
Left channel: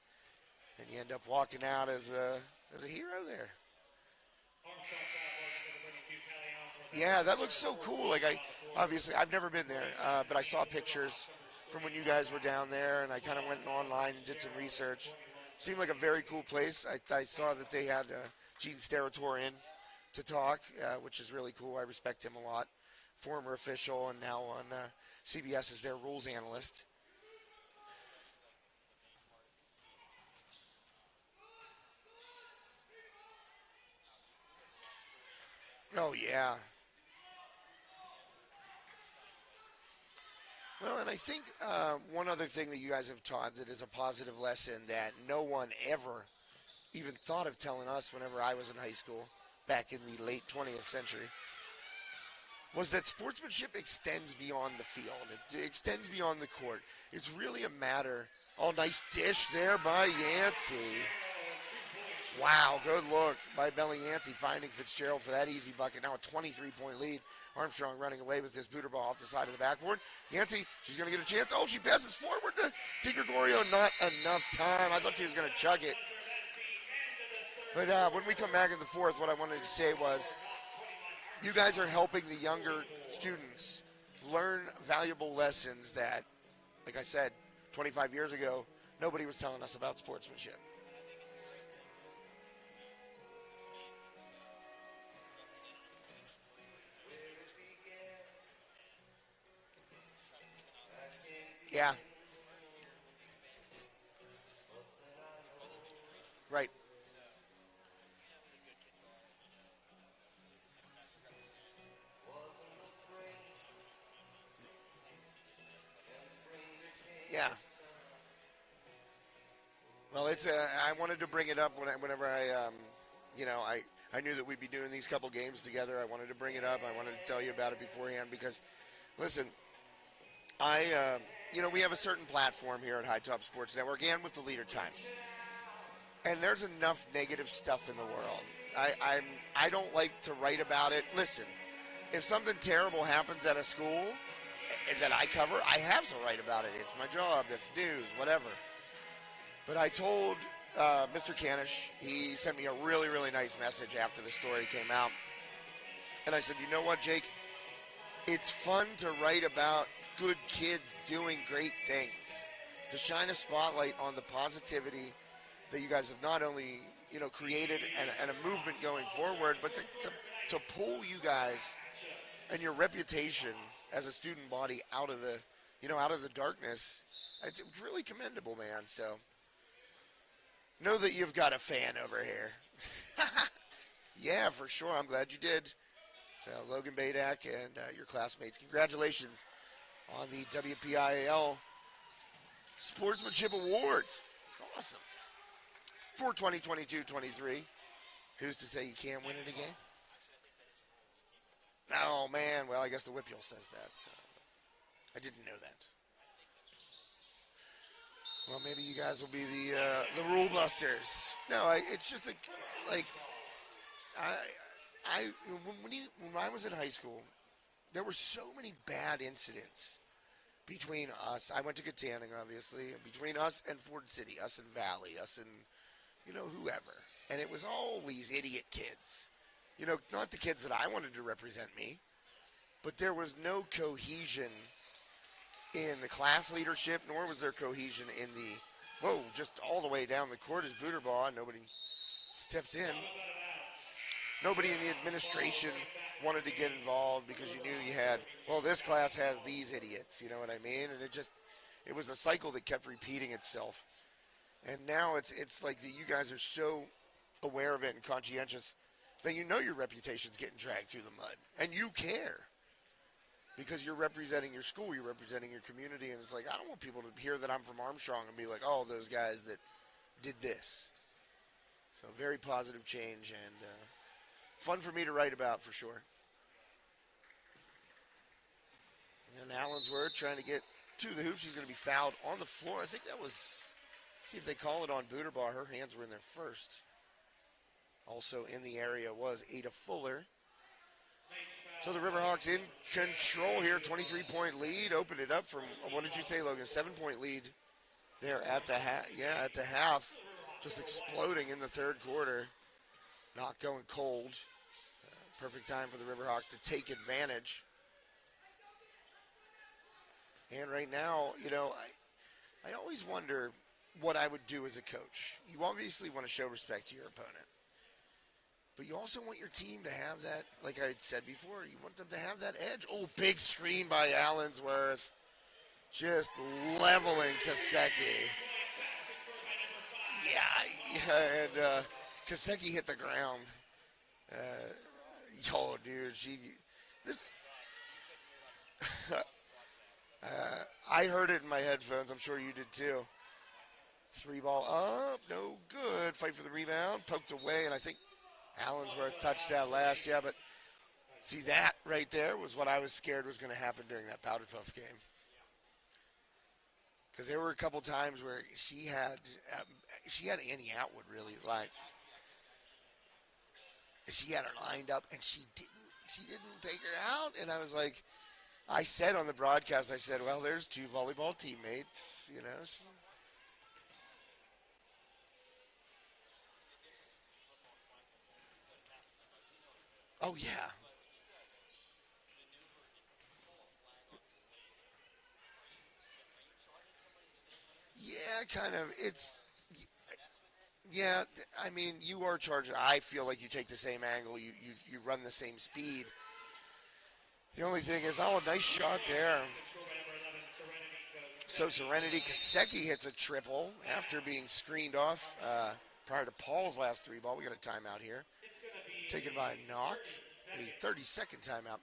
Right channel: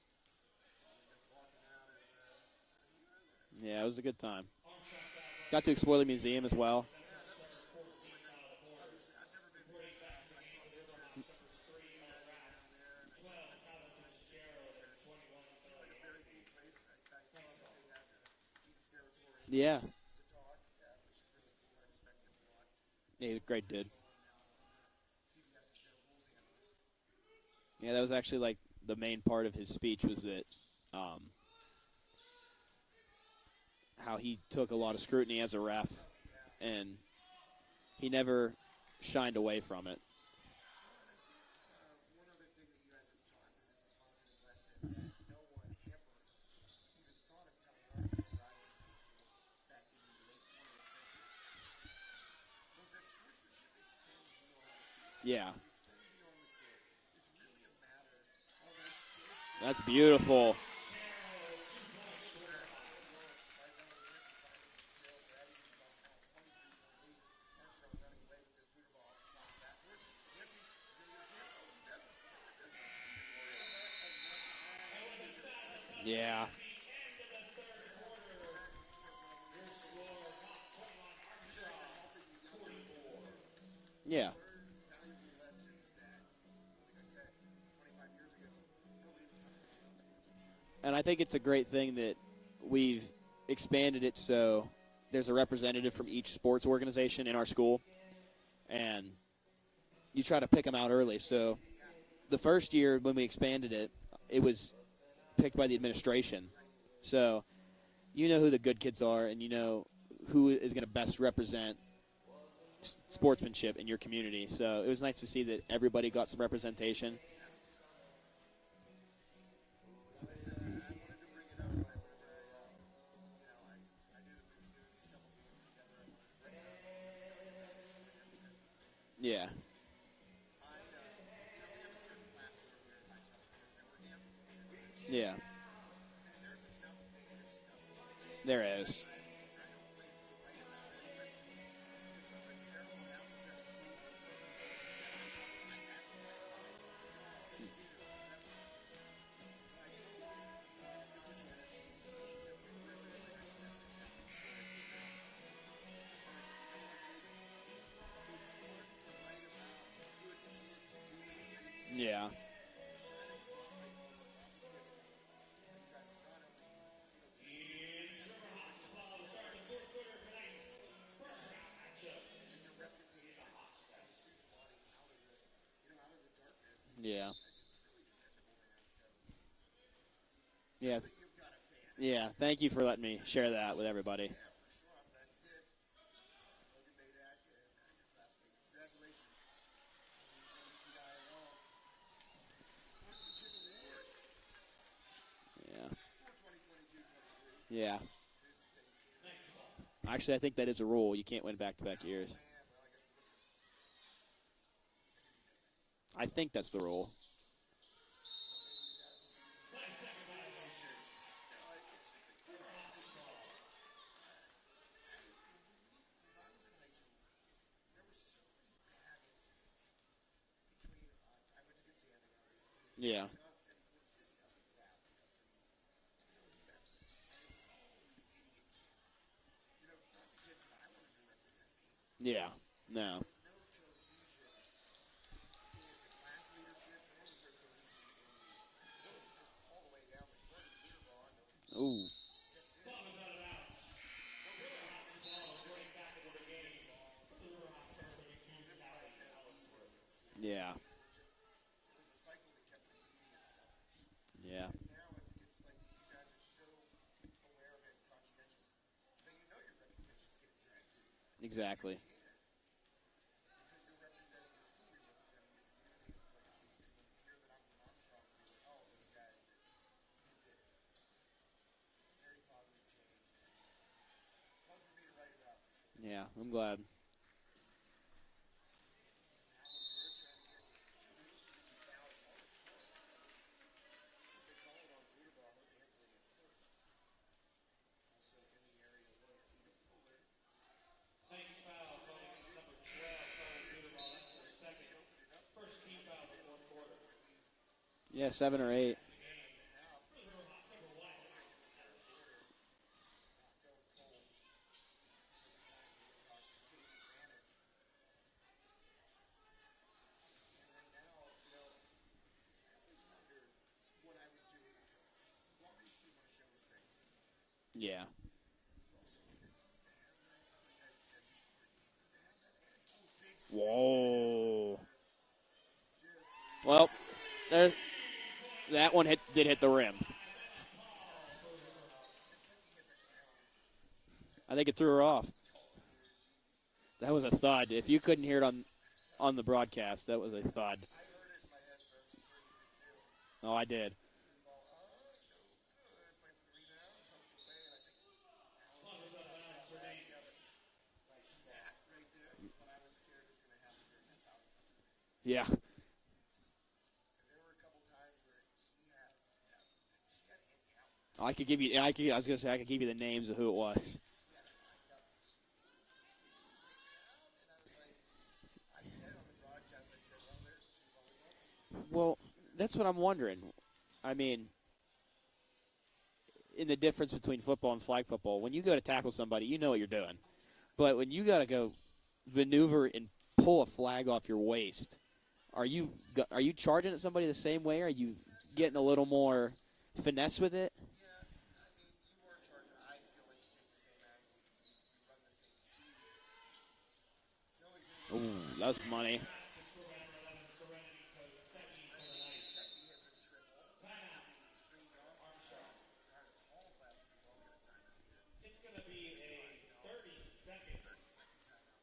and you end up walking out as a hero there. Yeah, it was a good time. Got to explore the museum as well. Yeah, that looks so cool. Like, obviously, I've never been there, but I saw pictures from when you guys were down there, and I kind of went online and did some research. Seemed like a very cool place. I saw that they had Gene Steratore in to talk, which is really cool. I respect him a lot. Former official and now on CBS as their rules analyst. Yeah, that was actually like the main part of his speech was that how he took a lot of scrutiny as a ref. Oh, yeah. And he never shined away from it. Well, and I think one other thing that you guys have taught that is a positive lesson that no one ever even thought of telling us whenever I was in high school back in the late 20th century was that sportsmanship extends beyond the field. Yeah. It extends beyond the court. It's really a matter. Oh, nice dish there That's by beautiful. Yancey. Wow, good look by Belly Yancey finding Fitzgerald for that easy bucket. Now a 23-point lead. Armstrong running away with this booter ball off the side of the backboard. Yancey, she's going to get a chance. Oh, she passes forward to Gregorio. Not enough time. I thought she was going to chug it. Yeah. But when we come back in the fourth, what I wanted to say was you guys are helping the younger students learn valuable lessons that, like I said, 25 years ago, nobody was telling us about sportsmanship. And I think it's a great thing that we've expanded it so there's a representative from each sports organization in our school, and you try to pick them out early. So the first year when we expanded it, it was picked by the administration. Right. So you know who the good kids are, and you know who is going to best represent sportsmanship in your community. So it was nice to see that everybody got some representation. Yeah. Well, I wanted to bring it up whenever I knew that we'd be doing these couple games together. I wanted to bring it up. I wanted to tell you about it beforehand because, listen, we have a certain platform here at High Top Sports Network and with the Leader Times. Yeah. And there's enough negative stuff in the world. There is. I don't like to write about it. Listen, if something terrible happens at a school that I cover, I have to write about it. It's my job. That's news, whatever. But I told Mr. Knoch, he sent me a really, really nice message after the story came out. And I said, you know what, Jake? It's fun to write about good kids doing great things. Yeah. To shine a spotlight on the positivity that you guys have not only, created and a movement going forward, but to pull you guys and your reputation as a student body out of the darkness. Yeah. It's really commendable, man. So know that you've got a fan over here. Thank you for letting me share that with everybody. Yeah, for sure. I'm glad you did. So Logan Badak and your classmates, congratulations on the WPIAL Sportsmanship Awards. It's awesome. Yeah. For 2022-23. Yeah. Who's to say you can't win it again? Actually, I think that is a rule. You can't win back-to-back. Oh, years. man. Well, I guess the Whippeal says that. So. I didn't know that. I think that's the rule. Well, maybe you guys will be the rule busters. No, it's just when I was in high school, there were so many bad incidents between us. I went to Katanning, obviously. Between us and Ford City, us and Valley, us and whoever. And it was always idiot kids. Not the kids that I wanted to represent me. Yeah. But there was no cohesion in the class leadership, nor was there cohesion in just all the way down the court is Booterbaugh, and nobody steps in. Nobody in the administration wanted to get involved because you knew you had, this class has these idiots, you know what I mean? And it was a cycle that kept repeating itself. Yeah. And now it's like you guys are so aware of it and conscientious that your reputation's getting dragged through the mud. Exactly. And you care. Because you're representing your school, you're representing your community, and it's like, I don't want people to hear that I'm from Armstrong and be like, oh, those guys that did this. So very positive change and fun for me to write about for sure. Yeah, I'm glad. And Allensworth trying to get to the hoop. She's going to be fouled on the floor. I think that was, see if they call it on Booterbaugh. Her hands were in there first. Also in the area was Ada Fuller. So the Riverhawks in control here, 23-point lead. Opened it up from, what did you say, Logan? 7-point lead. Yeah, there 7 or 8. at the half. Just exploding in the third quarter. Not going cold. Perfect time for the Riverhawks to take advantage. And right now, I always wonder what I would do as a coach. You obviously want to show respect to your opponent. Yeah. But you also want your team to have that, like I had said before, you want them to have that edge. Oh, big screen by Allensworth. Just leveling Kasecki. That one did hit the rim. Yeah, and Kasecki hit the ground. I think it threw her off. Oh, dude, that was a thud. If you couldn't hear it on the broadcast, that was a thud. I heard it in my headphones. I'm sure you did too. Oh, I did. 3-ball up, no good. Fight for the rebound, poked away, and I think Allensworth touched that last, but see that right there was what I was scared was going to happen during that Powder Puff game. Yeah. Because there were a couple times where she had Annie Atwood really. I was going to say I could give you the names of who it was. She had her lined up and she didn't take her out, and I was like, I said on the broadcast, well, there's two volleyball teammates. Well, that's what I'm wondering. I mean, in the difference between football and flag football, when you go to tackle somebody, you know what you're doing. Oh, yeah. But when you got to go maneuver and pull a flag off your waist, are you charging at somebody the same way? Or are you getting a little more finesse with it? Yeah, I mean, you are charging. I feel like you take the same angle. You run the same speed. The only thing is, nice shot there. So Serenity Kasecki hits a triple after being screened off prior to Paul's last 3-ball. We got a timeout here. Taken by Knoch. a 30-second timeout.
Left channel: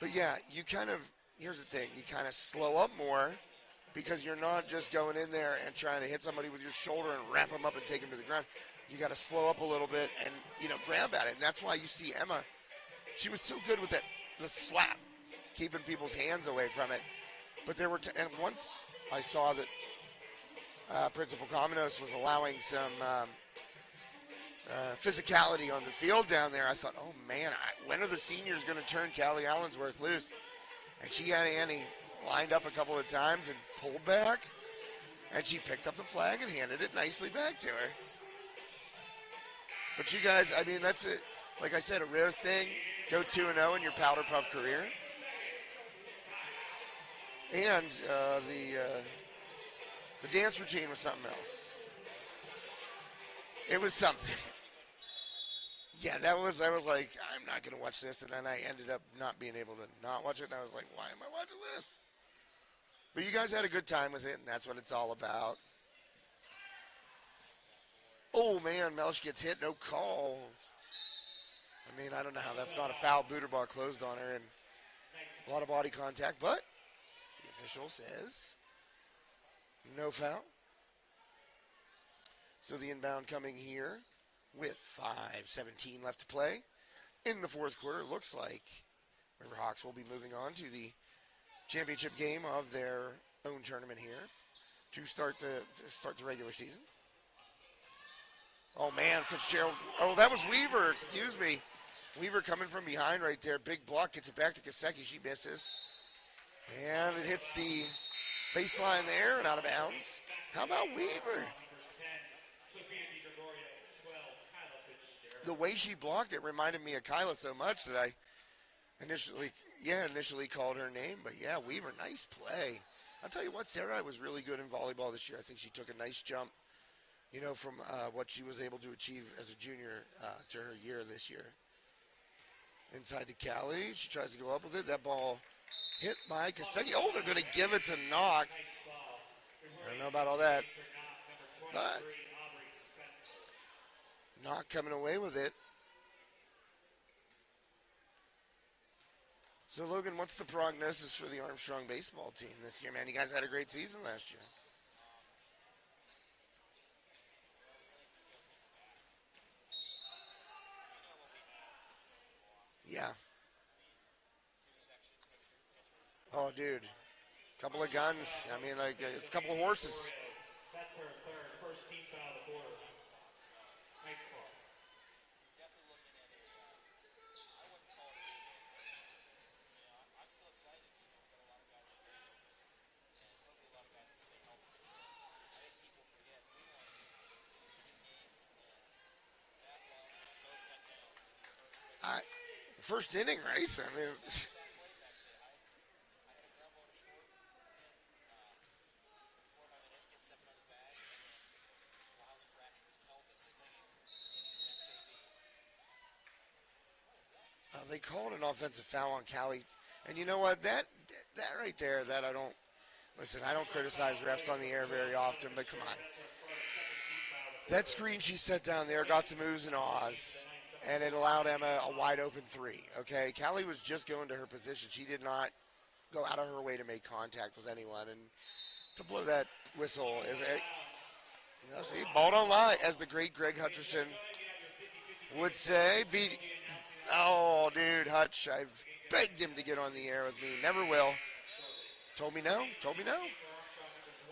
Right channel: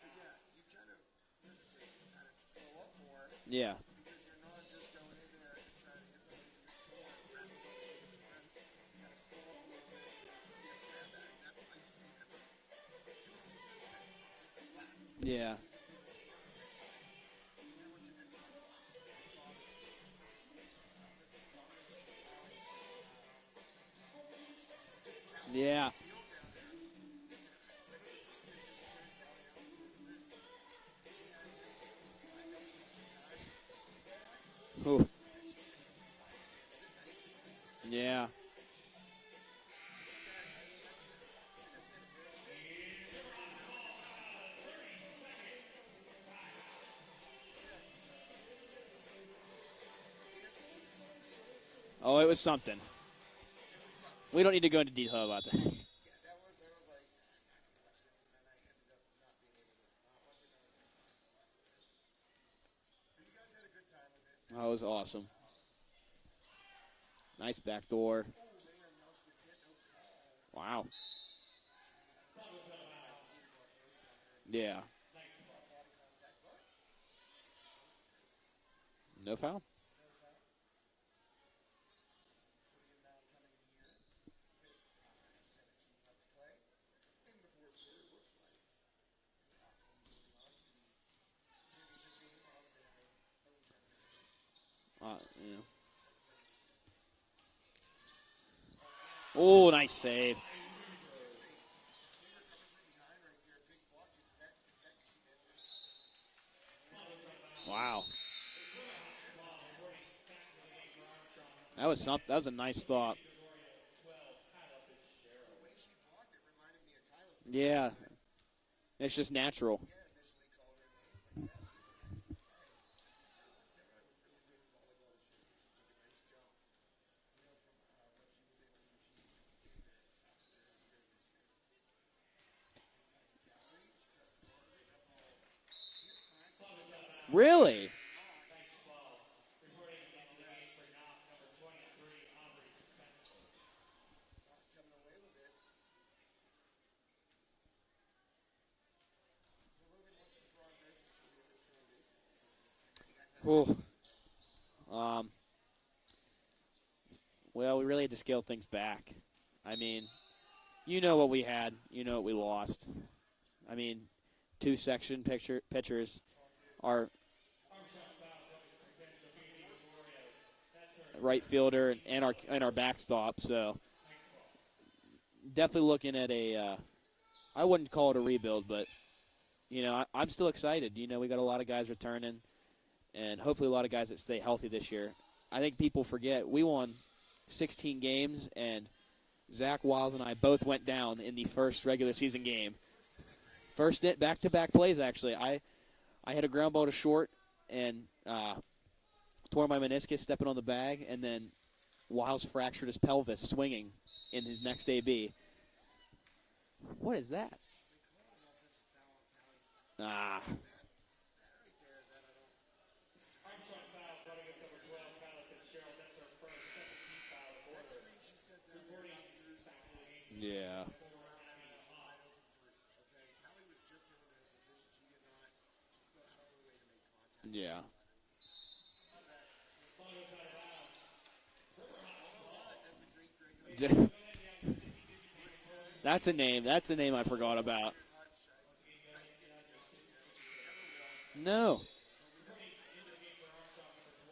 But yeah, you kind of, here's the thing, you kind of slow up more. Yeah. Because you're not just going in there and trying to hit somebody with your shoulder and wrap them up and take them to the ground. You got to slow up a little bit and, grab at it. And that's why you see Emma, she was so good with the slap. Yeah. Keeping people's hands away from it. But there were, and once I saw that Principal Cominos was allowing some physicality on the field down there, I thought, oh man, when are the seniors going to turn Callie Allensworth loose? And she had Annie lined up a couple of times and pulled back. Ooh. And she picked up the flag and handed it nicely back to her. Yeah. But you guys, I mean, that's it. Like I said, a rare thing. Go 2-0 in your powder puff career. And the dance routine was something else. Oh, it was something. It was something. We don't need to go into detail about that. Yeah, I was like, I'm not going to watch this. And then I ended up not being able to not watch it. And I was like, why am I watching this? But you guys had a good time with it, and that's what it's all about. Nice backdoor. Oh, man, Melch gets hit, no call. Wow. I mean, I don't know how that's not a foul. Booter bar closed on her, and yeah, a lot of body contact, but the official says no foul. No foul. So the inbound coming here with 5:17 left to play in the fourth quarter. Looks like Riverhawks will be moving on to the championship game of their own tournament here to start the regular season. Oh man, Fitzgerald. Oh, nice Oh, save. that was Weaver. Excuse me. Weaver coming from behind right there. Big block, gets it back to Kaseki. She misses. And it hits the baseline there and out of bounds. How about Weaver? That was something. That was a nice thought. The way she blocked it reminded me of Kyla so much that I it's just natural. Yeah, initially called her name, but yeah, Weaver, nice play. I'll tell you what, Sarah was really good in volleyball this year. I think she took a nice jump, from what she was able to achieve as a junior to her year this year. Inside to Callie, she tries to go up with it. That ball hit by Kaseki. Oh, they're going to give it to Knoch. I don't know about all that, but Knoch coming away with it. So, Logan, what's the prognosis for the Armstrong baseball team this year, man? You guys had a great season last year. Well, we really had to scale things back. I mean, you know what we had. You know what we lost. Yeah. I mean, 2 section pitchers. Oh, dude. Are couple of guns. I mean, like a couple of horses. Right fielder and our backstop. So, definitely looking at I wouldn't call it a rebuild, but I'm still excited. We got a lot of guys returning, and hopefully a lot of guys that stay healthy this year. I think people forget we won 16 games, and Zach Wiles and I both went down in the first regular season game. First inning, right? First back-to-back plays, actually. I hit a ground ball to short and tore my meniscus stepping on the bag, and then Wiles fractured his pelvis swinging in his next AB. What is that? They called an offensive foul on Callie. And you know what? That right there, I don't criticize refs on the air very often, but come on. That screen she set down there got some oohs and ahs. Yeah. And it allowed Emma a wide open 3. Okay, Callie was just going to her position. She did not go out of her way to make contact with anyone. And to blow that whistle is see, ball don't lie, as the great Greg Hutcherson would say. That's a name. That's a name I forgot about. Oh, dude, Hutch, I've begged him to get on the air with me. Never will. No. Told me no.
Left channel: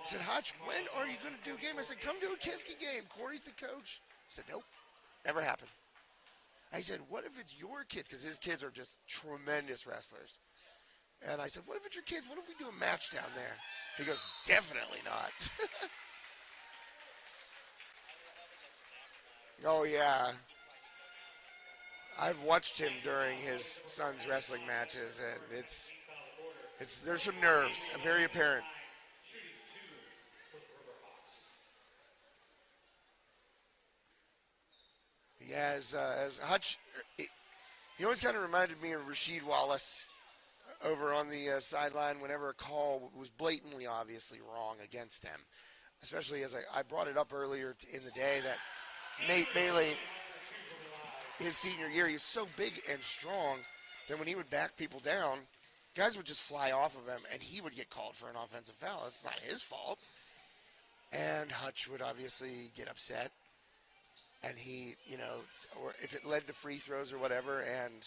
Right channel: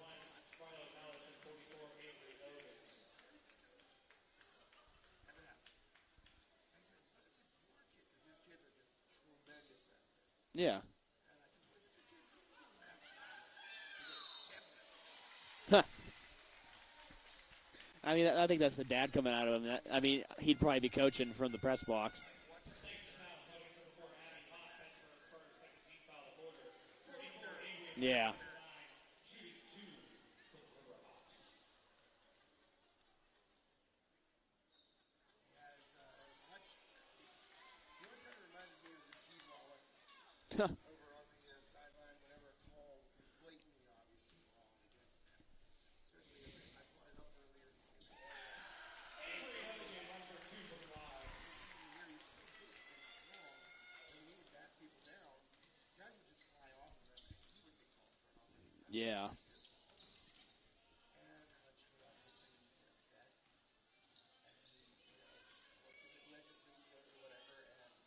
I said, Hutch, when are you going to do a game? I said, come to a Kiski game. Corey's the coach. I said, nope. Never happened. I said, what if it's your kids? Because his kids are just tremendous wrestlers. Yeah. And I said, what if it's your kids? What if we do a match down there? He goes, definitely not. I mean, I think that's the dad coming out of him. Oh, yeah. I mean, he'd probably be coaching from the press box. I've watched him during his son's wrestling matches, and there's some nerves, very apparent. Yeah, as Hutch, he always kind of reminded me of Rasheed Wallace over on the sideline whenever a call was blatantly, obviously wrong against him. Especially as I brought it up earlier in the day that Nate Bailey his senior year. He was so big and strong that when he would back people down, guys would just fly off of him, and he would get called for an offensive foul. Yeah. It's not his fault. And Hutch would obviously get upset. And he, or if it led to free throws or whatever, and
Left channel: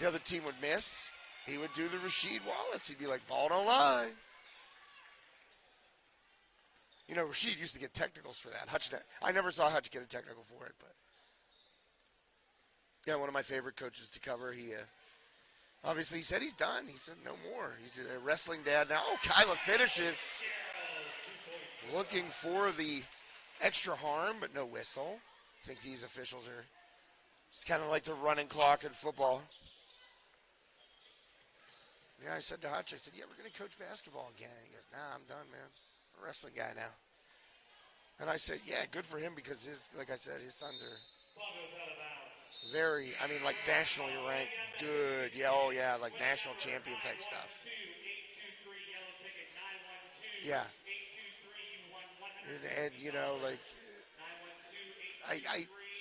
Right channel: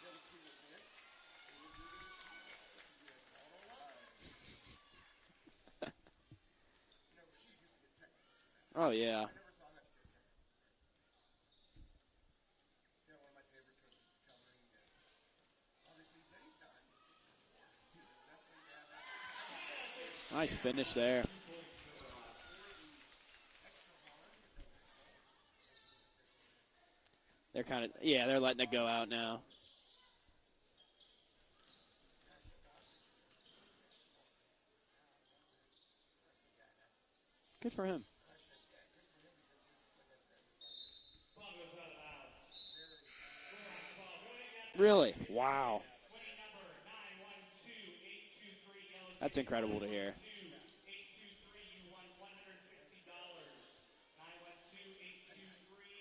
the other team would miss, he would do the Rasheed Wallace. He'd be like, ball don't lie. Rasheed used to get technicals for that. Hutch I never saw Hutch get a technical for it, but yeah, one of my favorite coaches to cover. He obviously he said he's done. He said no more. He's a wrestling dad now. Oh, Kyla finishes. Nice finish there. Looking for the extra harm, but no whistle. I think these officials are kind of like the running clock in football. Now. Yeah, I said to Hutch, I said, you ever going to coach basketball again? And he goes, nah, I'm done, man. I'm a wrestling guy now. Good for him. And I said, yeah, good for him because, like I said, his sons are Ball goes out of bounds. very, like nationally ranked. Really? Good. Wow. Yeah, oh, yeah, like national champion type stuff. That's incredible to hear. Yeah. And like,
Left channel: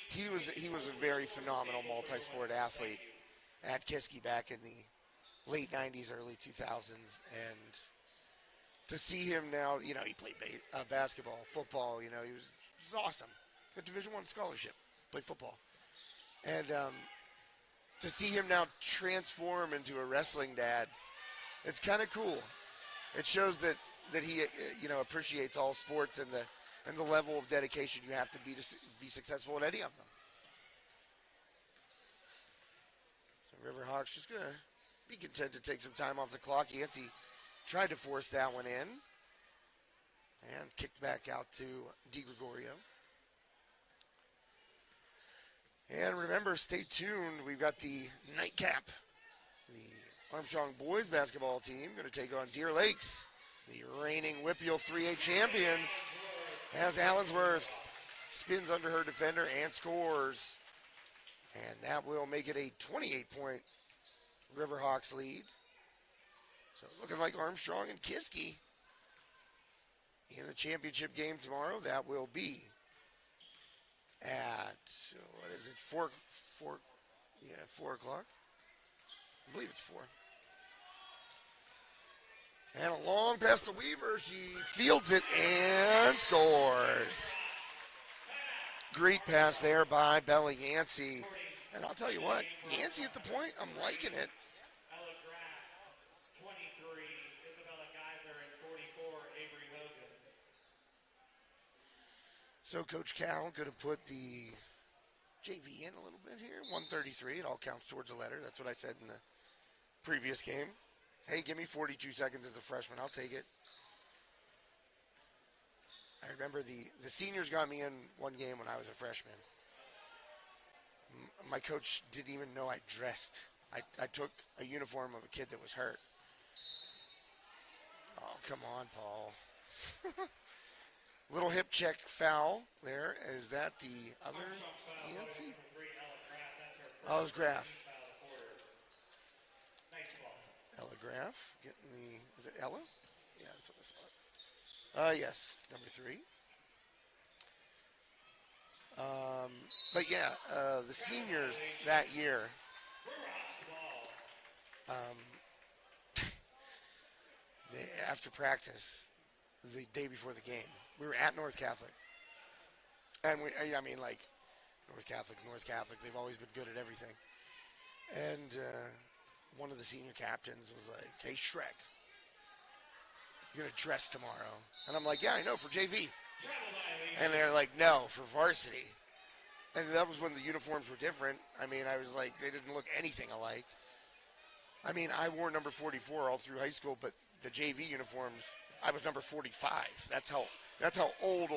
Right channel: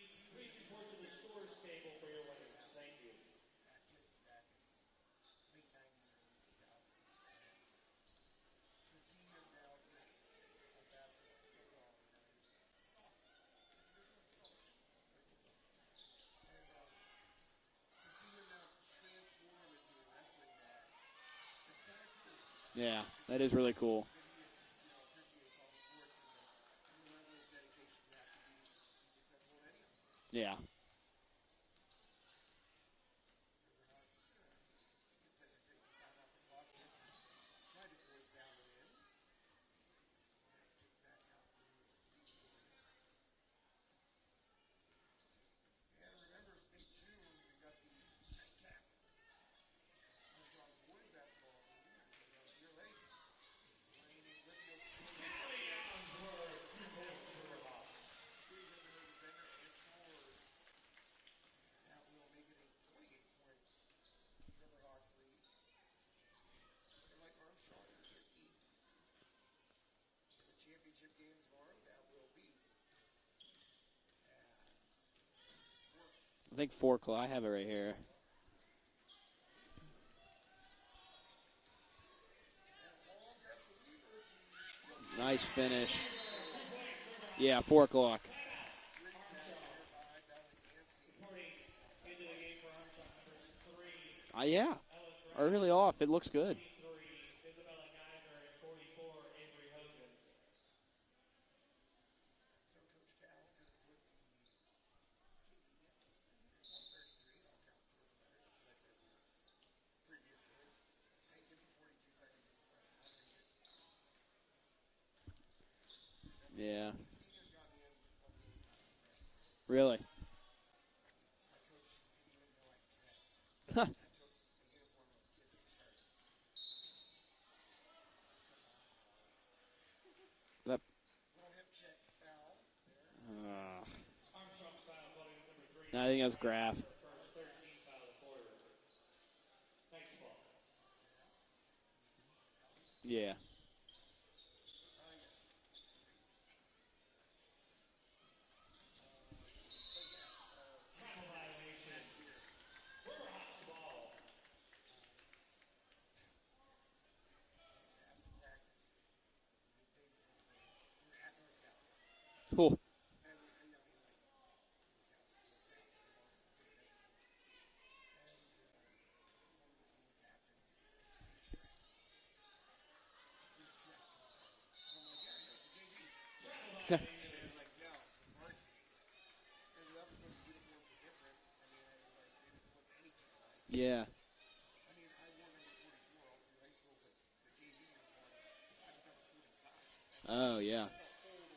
he was a very phenomenal multi-sport athlete at Kiski back in the late 90s, early 2000s. And to see him now, he played basketball, football, he was awesome. Got Division I scholarship, played football. And to see him now transform into a wrestling dad, it's kind of cool. Yeah, it shows really that cool. that he appreciates all sports and the level of dedication you have to be successful in any of them. Yeah. So Riverhawks just gonna be content to take some time off the clock. Yancey tried to force that one in and kicked back out to DiGregorio. And remember, stay tuned. We've got the nightcap. The Armstrong boys basketball team going to take on Deer Lakes, the reigning Whippeal 3A champions, as Allensworth spins under her defender and scores. And that will make it a 28-point Riverhawks lead. So looking like Armstrong and Kiski in the championship game tomorrow. That will be at, what is it, 4? I think 4 o'clock. I have it right here. 4 o'clock. I believe it's 4. And a long pass to Weaver. She fields it and scores. Yeah, 4 o'clock. Great pass there by Bella Yancey. And I'll tell you what, Yancey at the point, I'm liking it. Yeah, early off, it looks good. So Coach Cal going to put the JV in a little bit here. 133, it all counts towards a letter. That's what I said in the previous game. Hey, give me 42 seconds as a freshman. I'll take it. I remember the seniors got me in one game when I was a freshman. Really? My coach didn't even know I dressed. I took a uniform of a kid that was hurt. Oh, come on, Paul. Little hip check foul there. Is that the other Yancey? No, I think that was Graff. Oh, it was Graff. Ella Graff getting the, is it Ella? Yeah. Yeah, that's what I thought. Yes, number 3. But yeah, the seniors that year, after practice, the day before the game, we were at North Catholic. Cool. And North Catholic, they've always been good at everything. And one of the senior captains was like, hey, Shrek, you're going to dress tomorrow. And I'm like, yeah, I know, for JV. And they're like, no, for varsity. And that was when the uniforms were different. I mean, I was like, they didn't look anything alike. Yeah. I mean, I wore number 44 all through high school, but the JV uniforms, I was number 45. That's how old